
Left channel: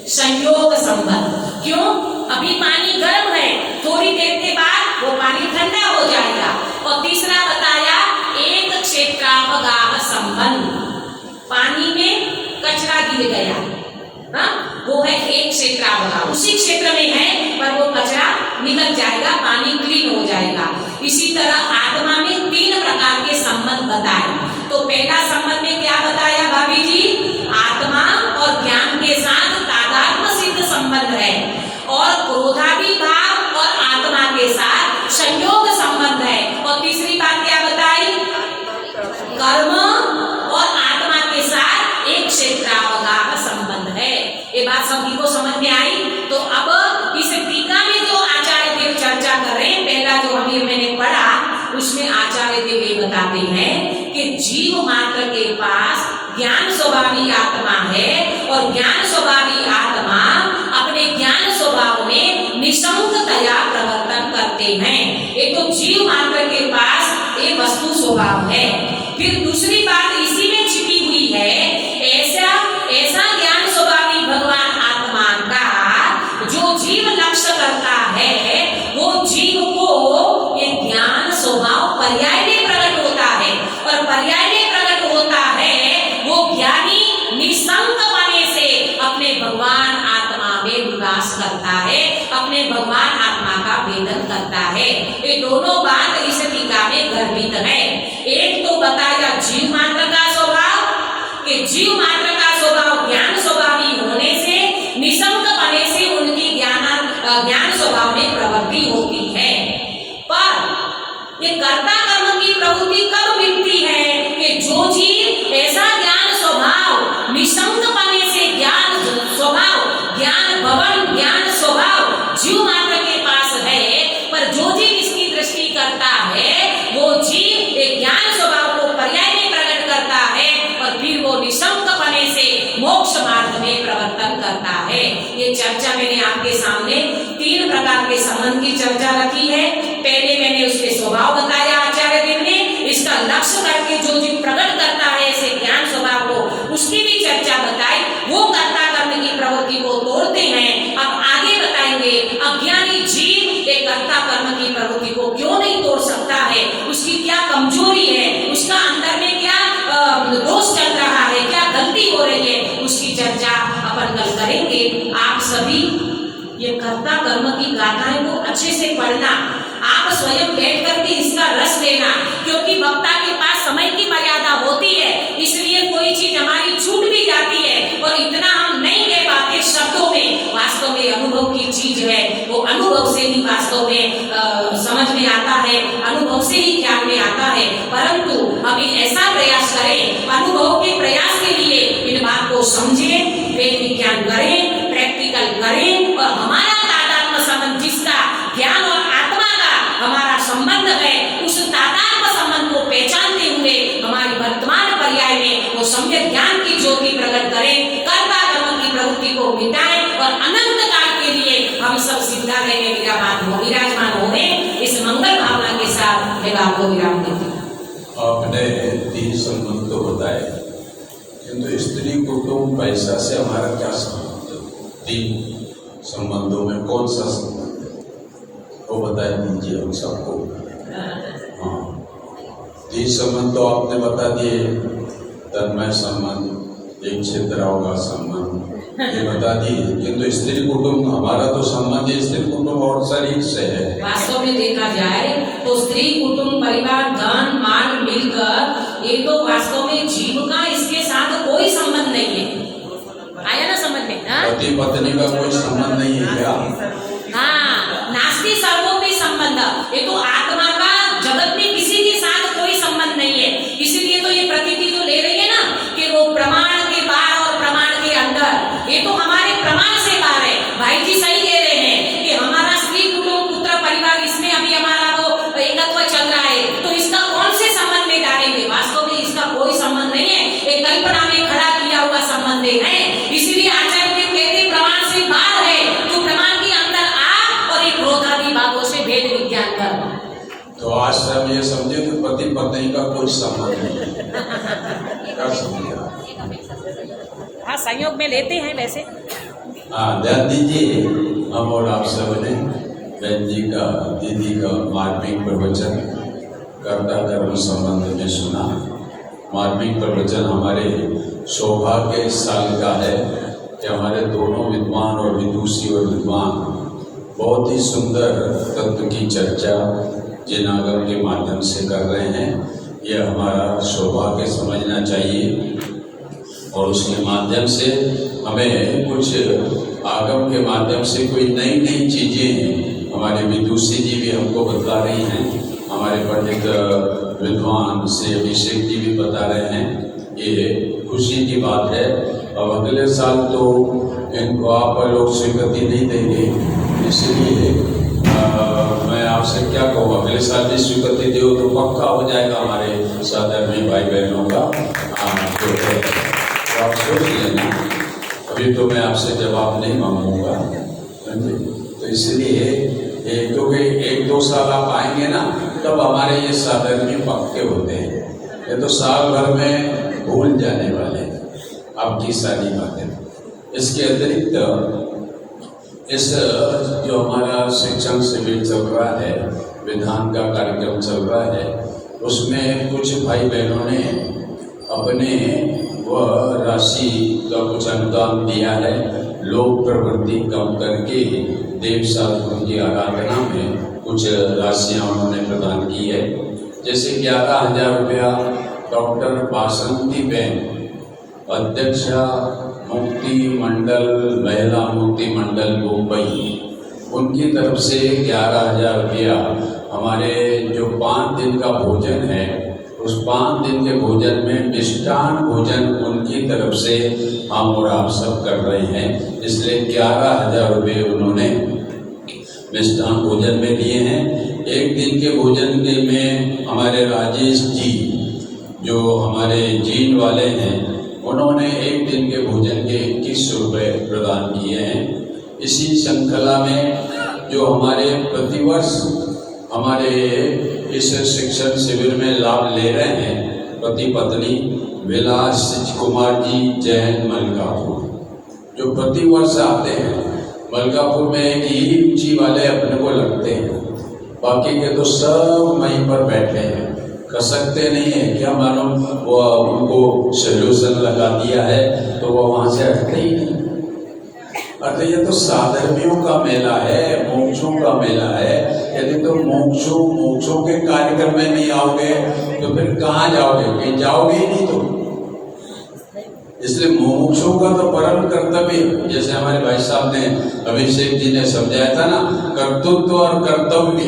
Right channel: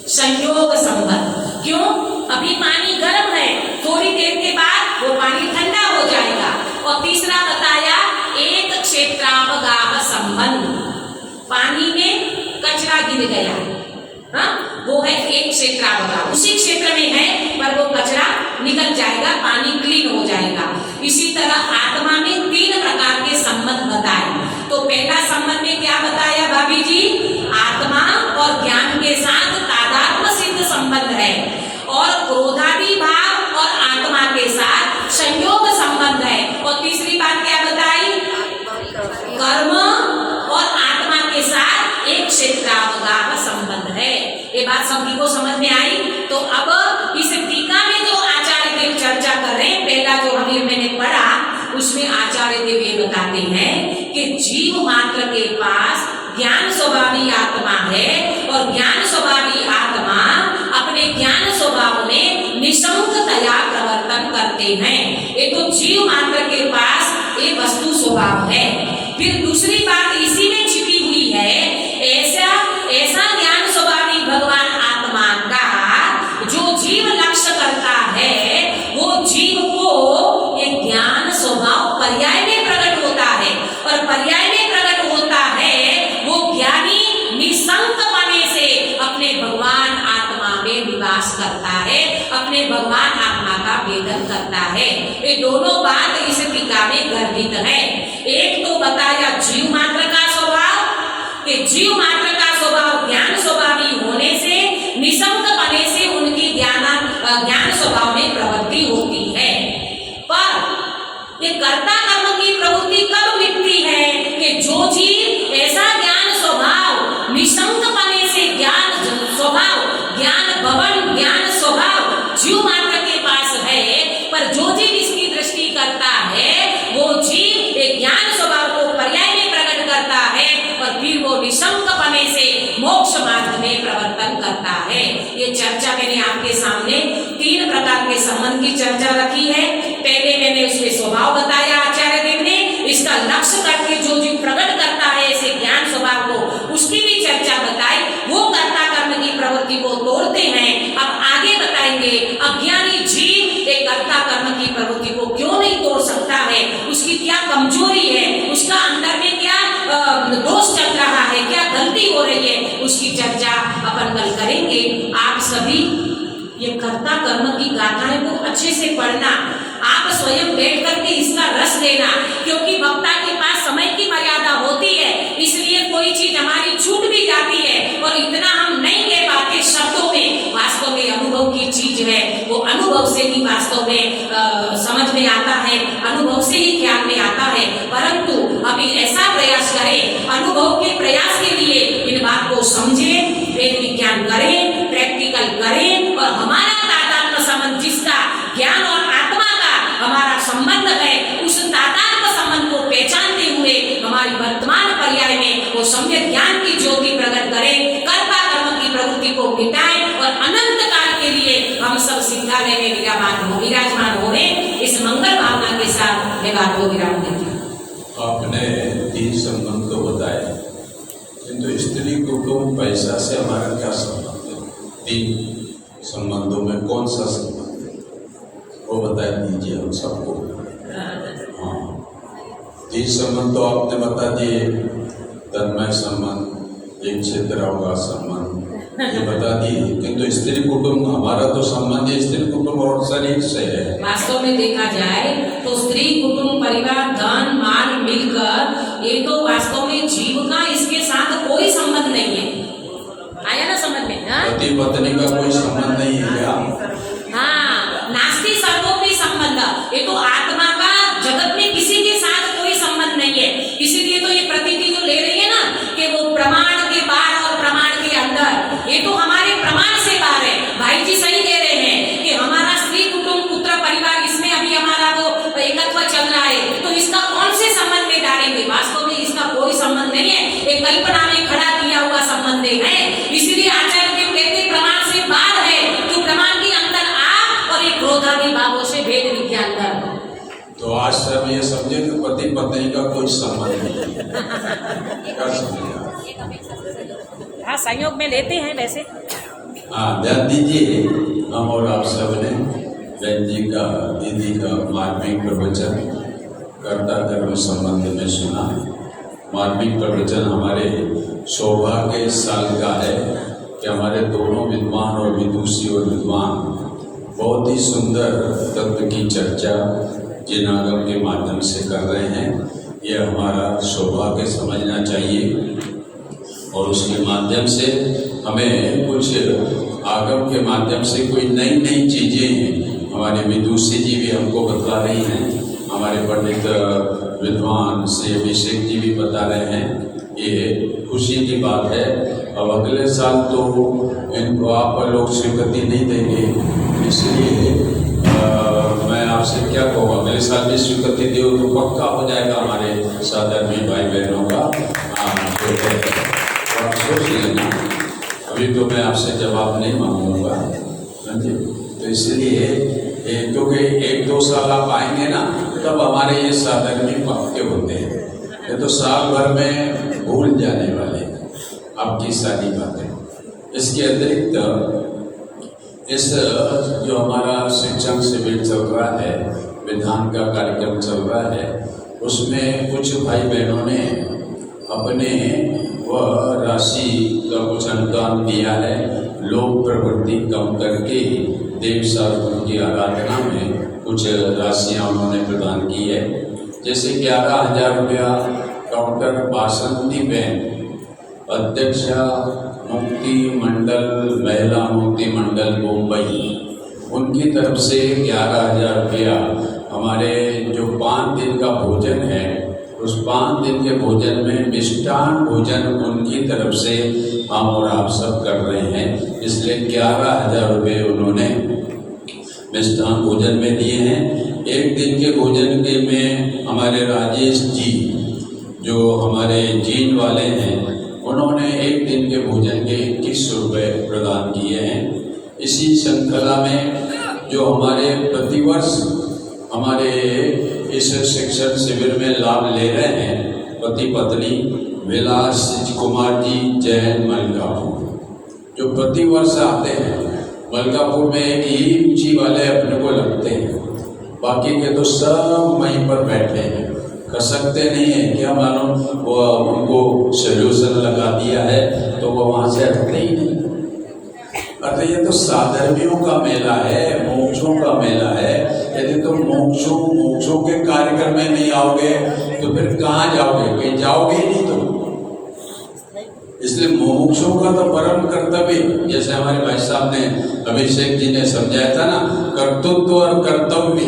संयोग संबंध। क्यों? अभी पानी गर्म है, थोड़ी देर के बाद वो पानी ठंडा हो जाएगा। और तीसरा बताया एक क्षेत्रावगाह संबंध, पानी में कचरा गिर गया, वो है एक क्षेत्रावगाह, उसी क्षेत्र में है पर वो कचरा निकल जाएगा, पानी क्लीन हो जाएगा। इसी तरह आत्मा में 3 प्रकार के संबंध बताए। तो पहला संबंध में क्या बताया भाभी जी? आत्मा और ज्ञान के साथ तादात्म्य सिद्ध संबंध है। और क्रोधादि भाव और आत्मा के साथ संयोग संबंध है। और तीसरी बात क्या बताई? कर्म और आत्मा के साथ एक क्षेत्रावगाह संबंध है। ये बात सभी को समझ में आई? तो अब इस टीका में जो आचार्य देव चर्चा कर रहे हैं, पहला जो अभी मैंने पढ़ा उसमें आचार्य देव ये बताते हैं कि जीव मात्र के पास ज्ञान स्वभावी आत्मा है और ज्ञान स्वभावी आत्मा अपने ज्ञान स्वभाव में निशंकतया प्रवर्तन करते हैं। ये तो जीव मात्र के पास ये वस्तु स्वभाव है। फिर दूसरी बात इसी में छिपी हुई है, ऐसा ज्ञान स्वभावी भगवान आत्मा का जो जीव लक्ष्य करता है, वो जीव को ये ज्ञान स्वभाव पर्याय में प्रकट होता है। और पर्याय में प्रकट होता है वो ज्ञानी निसंक बने से अपने भगवान आत्मा में निवास करता है, अपने भगवान आत्मा का वेदन करता है। ये दोनों बात इस टीका में गर्भित है। एक तो बताया जीव मात्र का स्वभाव, कि जीव मात्र का स्वभाव ज्ञान स्वभावी होने से, निसंक बने से उनकी ज्ञान स्वभाव में प्रवृत्ति होती है। पर ये कर्ता कर्म की प्रवृत्ति कब मिटती है? कि जो जीव ऐसा ज्ञान स्वभाव निसंक बने से ज्ञान स्वभाव, ज्ञान भवन, ज्ञान स्वभाव जीव मात्र के पास है, पर जो जीव इसकी दृष्टि करता है वो जीव एक ज्ञान स्वभाव को पर्याय में प्रकट करता है और फिर वो निशंक बने से मोक्ष मार्ग में प्रवर्तन करता है। ये चर्चा मैंने आपके सामने 3 प्रकार के संबंध की चर्चा रखी है। पहले मैंने उसके स्वभाव बताया आचार्य देव ने, इसका लक्ष्य करके जो जीव प्रकट करता है ऐसे ज्ञान स्वभाव को, उसकी भी चर्चा बताई। वो कर्ता कर्म की प्रवृत्ति को तोड़ते हैं। अब आगे बताएंगे अज्ञानी जीव एक कर्ता कर्म की प्रवृत्ति को क्यों नहीं तोड़ सकता है, उसकी क्या कमजोरी है, उसका अंदर में क्या दोष चल रहा है, क्या गलती हो रही है, उसकी चर्चा अपन कल करेंगे। आप सभी ये कर्ता कर्म की गाथाएं को अच्छे से पढ़ना, आप स्वयं बैठ करके इसका रस लेना, क्योंकि वक्ता के पास समय की मर्यादा होती है, इसलिए कोई चीज हमारी छूट भी जाती है और इतना हम नहीं कह पाते शब्दों में। वास्तव में अनुभव की चीज है, वो अनुभव से ही वास्तव में समझ में आता है, अनुभव से ही ख्याल में आता है। परंतु अभी ऐसा प्रयास करें, अनुभव के प्रयास के लिए इन बात को समझें, वेद विज्ञान करें, प्रैक्टिकल करें और हमारा तादात्म्य संबंध जिसका ज्ञान और आत्मा का हमारा संबंध संबंध है उस तादात्म्य संबंध को पहचानते हुए हमारी वर्तमान पर्याय में वो सम्यक ज्ञान की ज्योति प्रकट करें, कर्ता कर्म की प्रवृत्ति को मिटाएं और अनंत काल के लिए हम सब सिद्धालय में विराजमान हो इस मंगल भावना के साथ मैं बात को विराम देती हूँ। आपने 3 संबंध तो बताए, किंतु स्त्री कुटुंब पैसा से हमारा क्या संबंध है? 3 संबंधों में कौन सा संबंध है वो बता दीजिए हम सबको। हाँ, 3 संबंध तो आपने बता दिए, तन्मय संबंध, एक क्षेत्राओं का संबंध ये बता दिए, किंतु स्त्री कुटुंब हमारा तो संबंध स्त्री कुटुंब और शरीर से है। वास्तव में देखा जाए तो स्त्री कुटुंब परिवार धन माल मिलकर ये तो वास्तव में जीव का इसके साथ कोई संबंध नहीं है। आया ना समझ में? पति पत्नी का कोई संबंध नहीं है क्या? हाँ, नास्ति सर्वोपि संबंध, ये तो आत्मा का जगत में किसी के साथ कोई संबंध नहीं है। इसीलिए तो ये प्रतीति जो ले रही है ना कि वो प्रमाण के पार और प्रमाण के अंदर, ये तो हमारे प्रमाण से पार है। भाई जी सही कह रहे हैं कि हमारा स्त्री कुटुंब पुत्र परिवार इसमें अभी हमारा वो एकत्व चल रहा है, तो इसका कौन से संबंध में डालेंगे? वास्तव में इसका कोई संबंध नहीं है, एक कल्पना में खड़ा किया हुआ संबंध है। इसीलिए आचार्य के कहते प्रमाण से बाहर है, तो प्रमाण के अंदर आ और एक क्रोधादि भावों से भेद विज्ञान कर। तो आज से हम ये समझे कि पति पत्नी का कोई संबंध नहीं है। क्या समझे? हाँ, संयोग में लेते हैं वैसे। हाँ, ध्यान दीजिए, हम और आप सब ने बहन जी का, दीदी का मार्मिक प्रवचन कर्ता कर्म संबंध में सुना। मार्मिक प्रवचन हमारे सौभाग्य इस साल का है कि हमारे दोनों विद्वान और विदुषी और विद्वान बहुत ही सुंदर तत्व की चर्चा जिन आगम के माध्यम से कर रहे हैं। ये हमारा सौभाग्य समझना चाहिए और उसके माध्यम से हमें कुछ आगम के माध्यम से कोई नई नई चीजें हमारे विदुषी जी भी हमको बता रही हैं, हमारे पंडित विद्वान श्री अभिषेक जी भी बता रहे हैं। ये खुशी की बात है। अब अगले साल तो इनको आप लोग स्वीकृति नहीं देंगे, इसलिए मैं आपसे क्या कहूँ, अगले साल भी स्वीकृति दो तो पक्का हो जाएगा हमारे साधर्मी भाई बहनों का। तो आप सोच लेना, अभी तो मैं आपसे जवाब नहीं मांगूंगा, तो इसलिए क्योंकि 1-2 साल आप आएंगे ना, तब हमारे ये साधर्मी पक्के होते हैं। ये तो साल भर में भूल जाने वाले आपकी सारी बातें। इसके अतिरिक्त इस जो हमारा शिक्षण शिविर चल रहा है, विधान का कार्यक्रम चल रहा है, उसमें कुछ भाई बहनों ने अपने वह राशि का कुछ अनुदान दिया है। लोक प्रवृत्ति कम करके देव शास्त्रों की आराधना में कुछ राशियां उन्होंने प्रदान की है। जैसे 11,000 रुपया डॉक्टर बासंती बहन, अध्यक्षा मुक्ति मंडल, महिला मुक्ति मंडल मुंबई, उनकी तरफ से 11,000 रुपया हमारे जो 5 दिन का भोजन है, उस 5 दिन के भोजन में मिष्टान भोजन उनकी तरफ से हम और आप सब कर रहे हैं। इसलिए 11,000 रुपये उन्होंने मिष्टान भोजन में दिए हैं। एक दिन के भोजन के में हमारे राजेश जी जो हमारे जीन वाले हैं, उन्होंने एक दिन के भोजन के 2100 रुपये प्रदान किए हैं। इसी श्रृंखला में जो हमारे प्रतिवर्ष हमारे इस शिक्षण शिविर में लाभ ले रहे हैं, पति पत्नी विलास कुमार जी जैन मलकापुर, जो प्रतिवर्ष आते हैं। मलकापुर में एक ही रुचि वाले अपने को लगते हैं, बाकी के तो सब वहीं पर बैठे हैं, कर सकते नहीं है। क्या मालूम वो उनको सोल्यूशन लगा दिया है तो वो वहां से हटते ही नहीं। अरे ये तो साधर्मियों का मेला है, मोक्षों का मेला है। यदि तो मोक्षों के कार्यक्रम में नहीं आओगे तो फिर कहाँ जाओगे? कहीं जाओगे ही नहीं। तो इसलिए मोक्षों का तो परम कर्तव्य, जैसे हमारे भाई साहब ने अभिषेक जी ने समझाया था ना, कर्तृत्व और कर्तव्य।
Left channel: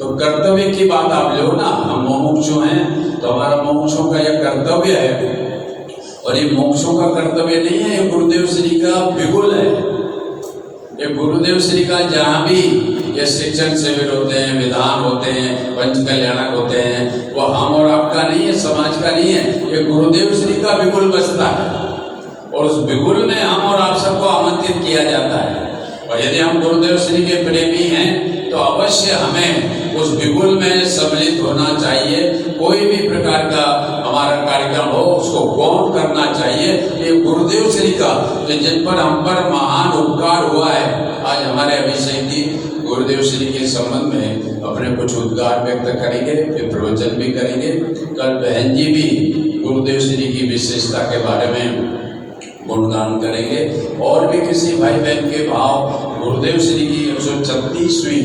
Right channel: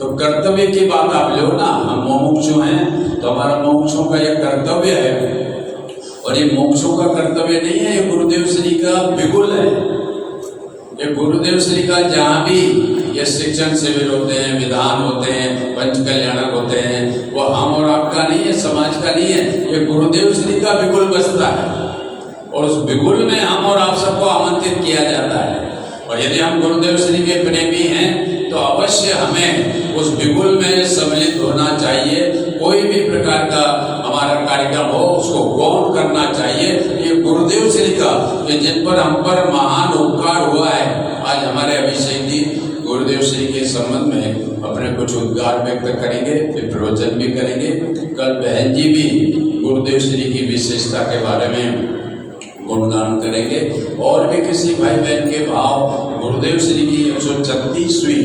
तो कर्तव्य की बात आप लो ना, हम मोक्षों हैं तो हमारा मोक्षों का यह कर्तव्य है। और ये मोक्षों का कर्तव्य नहीं है, ये गुरुदेव श्री का बिगुल है। ये गुरुदेव श्री का जहां भी ये शिक्षण शिविर होते हैं, विधान होते हैं, पंच कल्याणक होते हैं, वो हम और आपका नहीं है, समाज का नहीं है, ये गुरुदेव श्री का बिगुल बजता है और उस बिगुल में हम और आप सबको आमंत्रित किया जाता है। और यदि हम गुरुदेव श्री के प्रेमी हैं तो अवश्य हमें उस बिगुल में सम्मिलित होना चाहिए। कोई भी प्रकार का हमारा कार्यक्रम हो उसको गौण करना चाहिए। ये गुरुदेव श्री का जिन पर हम पर महान उपकार हुआ है। आज हमारे अभिषेक जी गुरुदेव श्री के संबंध में अपने कुछ उद्गार व्यक्त करेंगे, फिर प्रवचन भी करेंगे। कल बहन जी भी गुरुदेव श्री की विशेषता के बारे में गुणगान करेंगे और भी किसी भाई बहन के भाव गुरुदेव श्री की 136वीं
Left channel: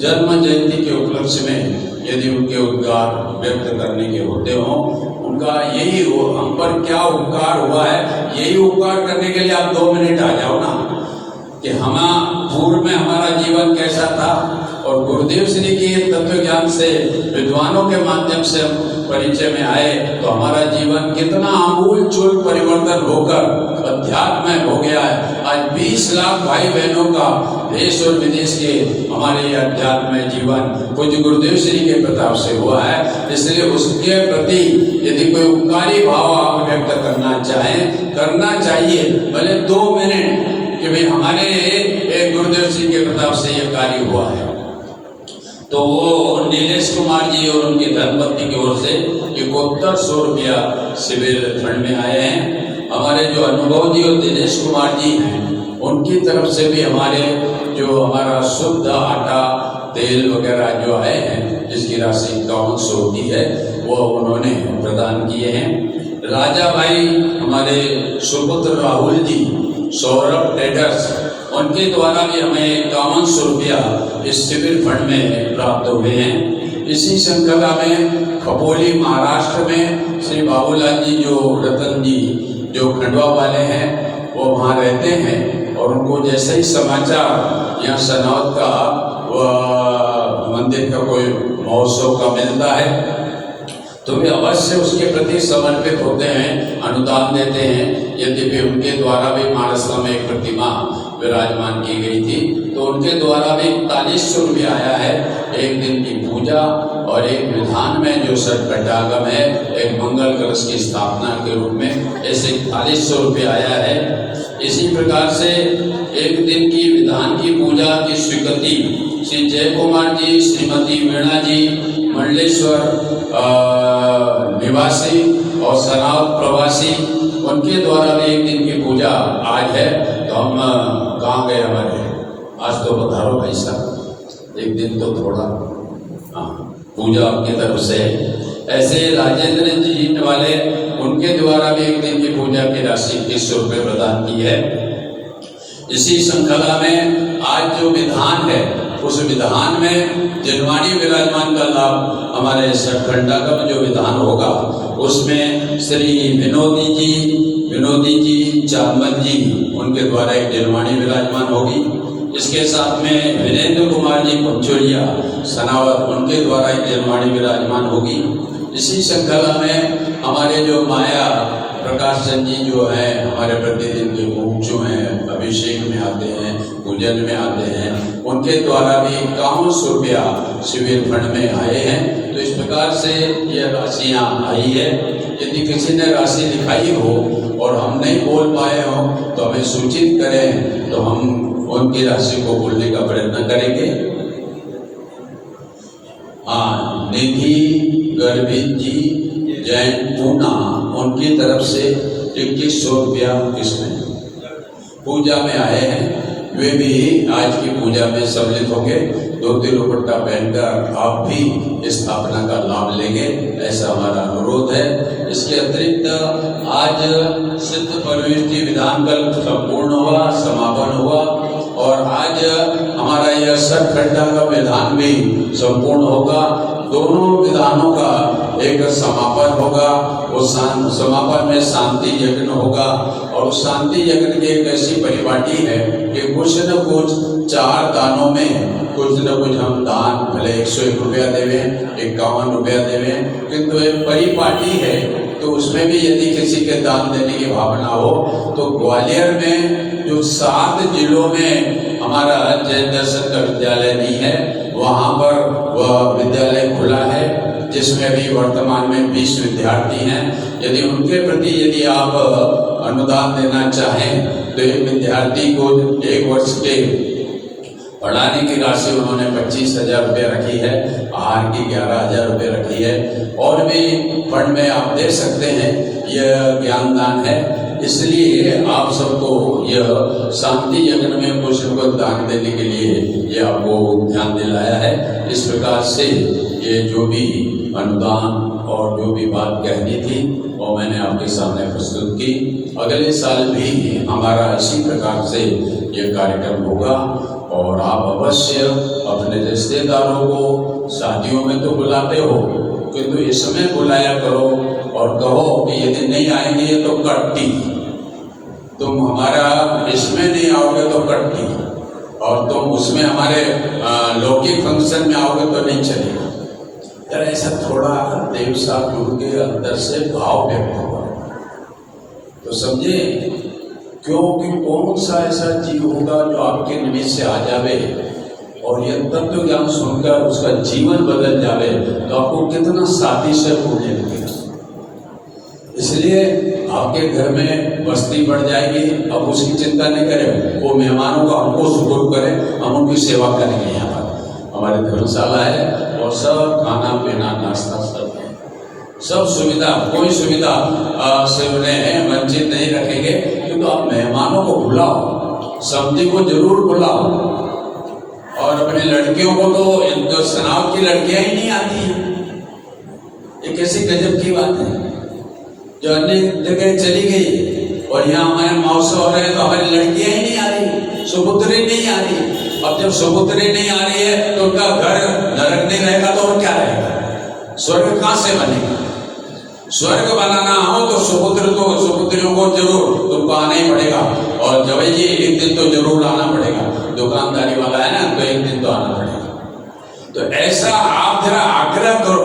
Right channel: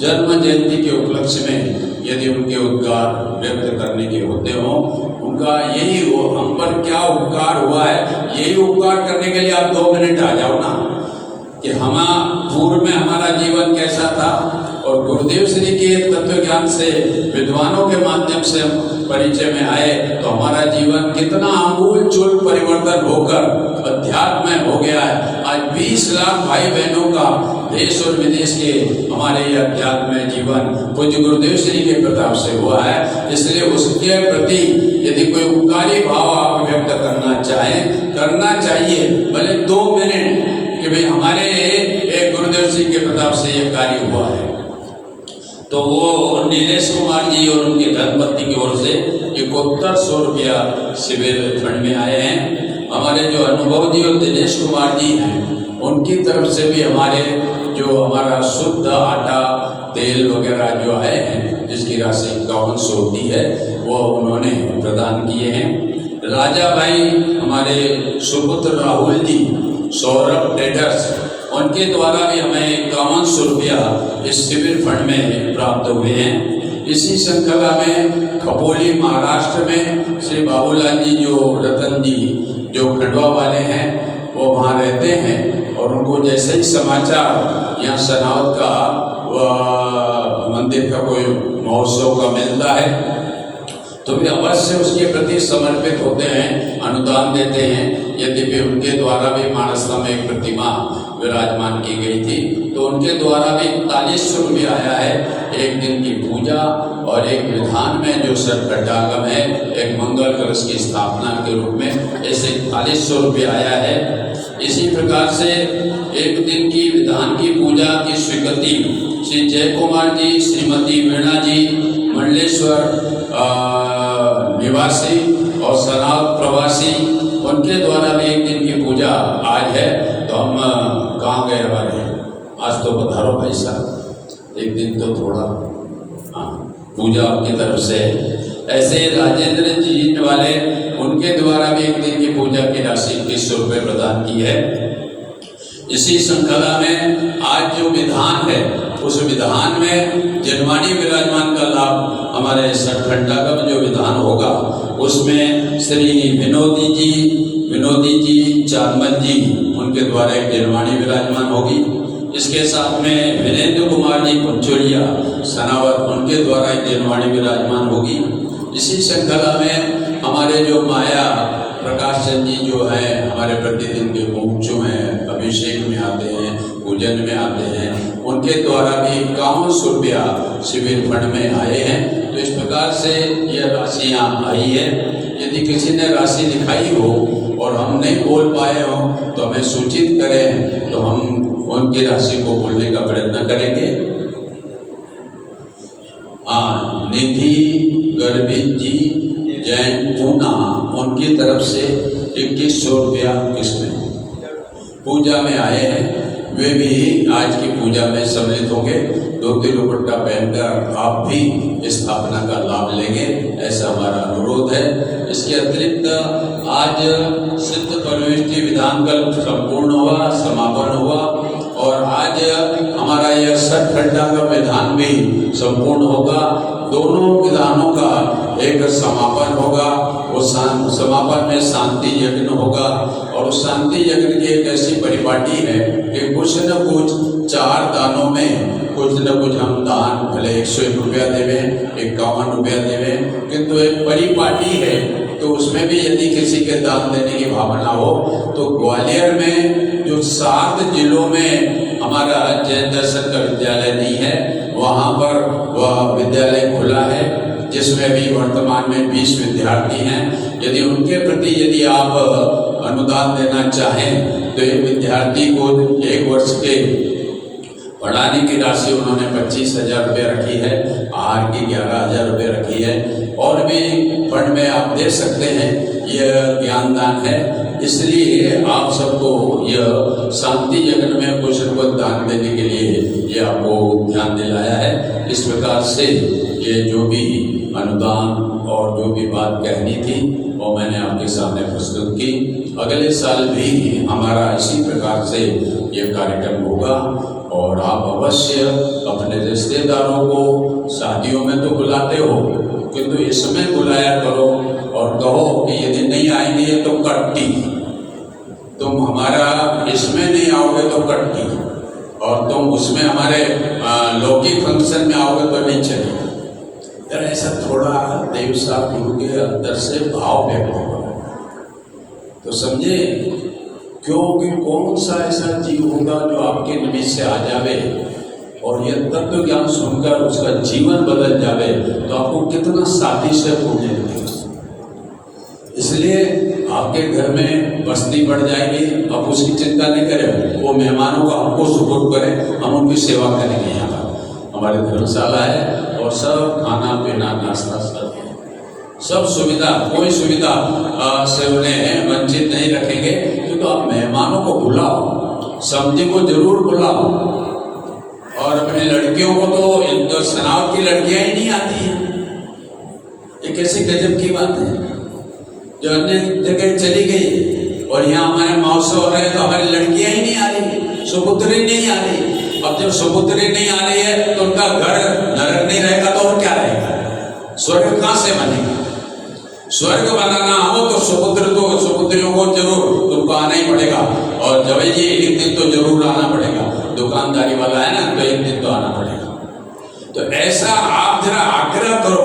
जन्म जयंती के उपलक्ष्य में यदि उनके उद्गार व्यक्त करने के होते हों, उनका यही हो हम पर क्या उपकार हुआ है, यही उपकार करने के लिए आप 2 मिनट आ जाओ ना कि हम पूर्व में हमारा जीवन कैसा था और गुरुदेव श्री के तत्व ज्ञान से विद्वानों के माध्यम से हम परिचय में आए तो हमारा जीवन कितना आमूल चूल परिवर्तन होकर अध्यात्म में हो गया है। आज 20 लाख भाई बहनों का देश और विदेश के हमारे ये अध्यात्म में जीवन पूज्य गुरुदेव श्री के प्रताप से हुआ है। इसलिए उसके प्रति यदि कोई उपकारी भाव आप व्यक्त करना चाहें, करना चाहिए, भले 2 मिनट कि भाई हमारे गुरुदेव श्री के प्रताप से ये कार्य हुआ है। तो वो नीलेश कुमार जी और उनकी धर्मपत्नी की ओर से 7100 रुपया शिविर फंड में आए हैं। हमारे जो अनुभव जी और दिनेश कुमार जी हैं उनकी तरफ से भी हमारा शुद्ध आटा तेल वगैरह जो आए हैं जिसकी राशि 5100 होती है वो उन्होंने प्रदान किए हैं। राजा भाई हमारे सुपुत्र राहुल जी सौरभ ट्रेडर्स उनके द्वारा भी हमें 5100 रुपया इस शिविर फंड में प्राप्त हुए हैं। इसी श्रृंखला में खपोली महाराष्ट्र में श्री बाबूलाल जी जो रतन जी जो खंडवा वाले हैं वो वहाँ रहते हैं और उनको जैसे ही समाचार यहाँ सनावत का मंदिर का कोई महोत्सव का मिलता है तो वे अवश्य उसके प्रति समर्पित होते हैं, अनुदान देते हैं। यद्यपि उनके द्वारा भी मानसला में एक प्रतिमा विराजमान की गई थी तो उनके द्वारा भी 4100 रुपया आया है। एक दिन की पूजा और एक विधान में जो सटघटागम है, एक मंगल कलश की स्थापना के रूप में ऐसे 4100 रुपया आया है। इसी प्रकार से एक दिन की विधान की पूजा की स्वीकृति श्री जय कुमार जी, श्रीमती मीणा जी मंडलेश्वर निवासी और सनाव प्रवासी उनके द्वारा भी एक दिन की पूजा आज है। तो हम कहाँ गए हमारे, आज तो पधारो भाई साहब, एक दिन तो थोड़ा पूजा आपकी तरफ से। ऐसे राजेंद्र जी वाले उनके द्वारा भी एक दिन की पूजा की राशि 300 रुपये प्रदान की है। इसी श्रृंखला में आज जो विधान है उस विधान में जनवाणी विराजमान का लाभ हमारे सटघटागम जो विधान होगा उसमें श्री विनोदी जी चांदमल जी उनके द्वारा एक जनवाणी विराजमान होगी। इसके साथ में वीरेंद्र कुमार जी कुंचोलिया सनावत उनके द्वारा एक जनवाणी विराजमान होगी। इसी श्रृंखला में हमारे जो माया प्रकाश चंद जी जो है हमारे प्रतिदिन के मुख्य हैं, अभिषेक में आते हैं, पूजन में आते हैं, उनके द्वारा भी 5100 रुपया शिविर फंड में आए हैं। तो इस प्रकार से यह राशियाँ आई है। यदि किसी ने राशि लिखाई हो और हम नहीं बोल पाए हो तो हमें सूचित करें तो हम उनकी राशि को बोलने का प्रयत्न करेंगे। निधि गर्भित जी जैन पूना उनकी तरफ से 2100 रुपया किसने पूजा में आए हैं, वे भी आज की पूजा में सम्मिलित होंगे। धोती दुपट्टा पहनकर आप भी स्थापना का लाभ लेंगे, ऐसा हमारा अनुरोध है। इसके अतिरिक्त आज सिद्ध यूनिवर्सिटी विधान कल संपूर्ण हुआ, समापन हुआ और आज हमारा यह सटघटागम विधान भी संपूर्ण होगा। दोनों विधानों का एक समापन होगा। उस समापन में शांति यज्ञ होगा और उस शांति यज्ञ की एक ऐसी परिपाटी है कि कुछ न कुछ 4 दानों में कुछ न कुछ हम दान भले 101 रुपया देवें, 51 रुपया देवें, किंतु एक परिपाटी है तो उसमें भी यदि किसी के दान देने की भावना हो तो ग्वालियर में जो 7 जिलों में हमारा जैन दर्शन का विद्यालय नहीं है, वहाँ पर वह विद्यालय खुला है जिसमें भी वर्तमान में 20 विद्यार्थी हैं। यदि उनके प्रति यदि आप अनुदान देना चाहें तो एक विद्यार्थी को 1 वर्ष के पढ़ाने की राशि उन्होंने 25,000 रुपये रखी है, आहार की 11,000 रुपये रखी है, और भी फंड में आप दे सकते हैं। यह ज्ञान दान है, इसलिए आप सबको यह शांति यज्ञ में कुछ न कुछ दान देने के लिए ये आपको ध्यान दिलाया है। इस प्रकार से ये जो भी अनुदान और जो भी बात कहनी थी वो मैंने आपके सामने प्रस्तुत की। अगले साल भी हमारा इसी प्रकार से ये कार्यक्रम होगा और आप अवश्य अपने रिश्तेदारों को शादियों में तो बुलाते हो, किंतु इसमें बुलाया करो और कहो कि यदि नहीं आएंगे तो कट्टी, तुम हमारा इसमें नहीं आओगे तो कट्टी, और तुम उसमें हमारे लौकिक फंक्शन में आओगे तो नहीं चलेगा। यार ऐसा थोड़ा देव साहब गुरु के अंदर से भाव व्यक्त हो, तो समझे, क्योंकि कौन सा ऐसा जीव होगा जो आपके निमित्त से आ जावे और यह तत्व ज्ञान सुनकर उसका जीवन बदल जावे, तो आपको कितना शादी से पुण्य लगेगा। इसलिए आपके घर में बस्ती बढ़ जाएगी, अब उसकी चिंता नहीं करें, वो मेहमानों का हमको सुपुर्द करें, हम उनकी सेवा करेंगे। यहाँ पर हमारी धर्मशाला है और सब खाना पीना नाश्ता सब सुविधा, कोई सुविधा से उन्हें वंचित नहीं रखेंगे। क्योंकि आप मेहमानों को बुलाओ, सब्जी को जरूर बुलाओ, और अपनी लड़कियों को तो सनाव की लड़कियां ही नहीं आती हैं। ये कैसी गजब की बात है, जो अन्य जगह चली गई और यहाँ हमारे महोत्सव हो रहे हैं तो हमारी लड़कियां ही नहीं आ रही, सुपुत्री नहीं आ रही। अब जब सुपुत्री नहीं आ रही है तो उनका घर नरक नहीं रहेगा तो और क्या रहेगा, स्वर्ग कहाँ से बनेगा। स्वर्ग बनाना हो तो सुपुत्रियों को जरूर तुमको आना ही पड़ेगा, और जब ये एक दिन तो जरूर आना पड़ेगा, दुकानदारी वाला है ना, तो एक दिन तो आना पड़ेगा। तो ऐसा आप जरा आग्रह करो।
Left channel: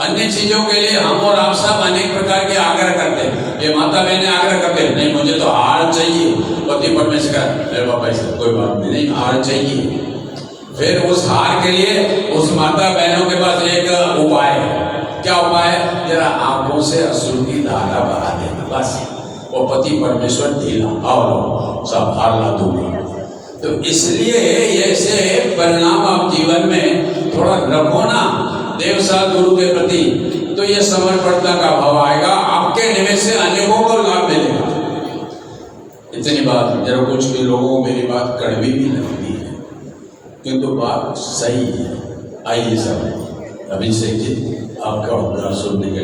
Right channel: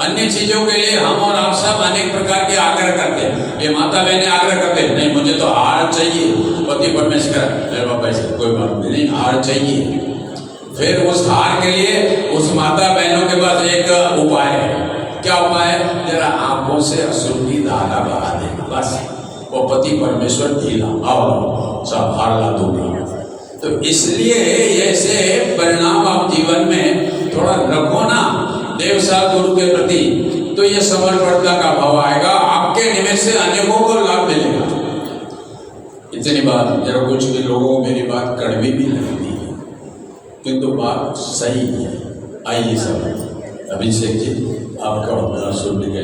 अन्य चीजों के लिए हम और आप सब अनेक प्रकार के आग्रह करते हैं। ये माता बहने आग्रह करते हैं, नहीं मुझे तो हार चाहिए, पति परमेश्वर मेरे पापा से कोई बात नहीं, हार चाहिए। फिर उस हार के लिए उस माता बहनों के पास एक उपाय है। क्या उपाय है? जरा आंखों से अश्रु की धारा बहा देना, बस। वो पति परमेश्वर ढीला, आओ सब हार ला दूंगा। तो इसलिए ऐसे परिणाम आप जीवन में थोड़ा रखो ना देव साथ गुरु के प्रति, तो ये समर्पणता का भाव आएगा, आपके निमित्त से अनेकों को लाभ मिलेगा। इतनी बात, जरा कुछ भी लोगों को मेरी बात कड़वी भी लगती है, किंतु बात सही है। आइए सर, अभिषेक जी आपका सुन लिया।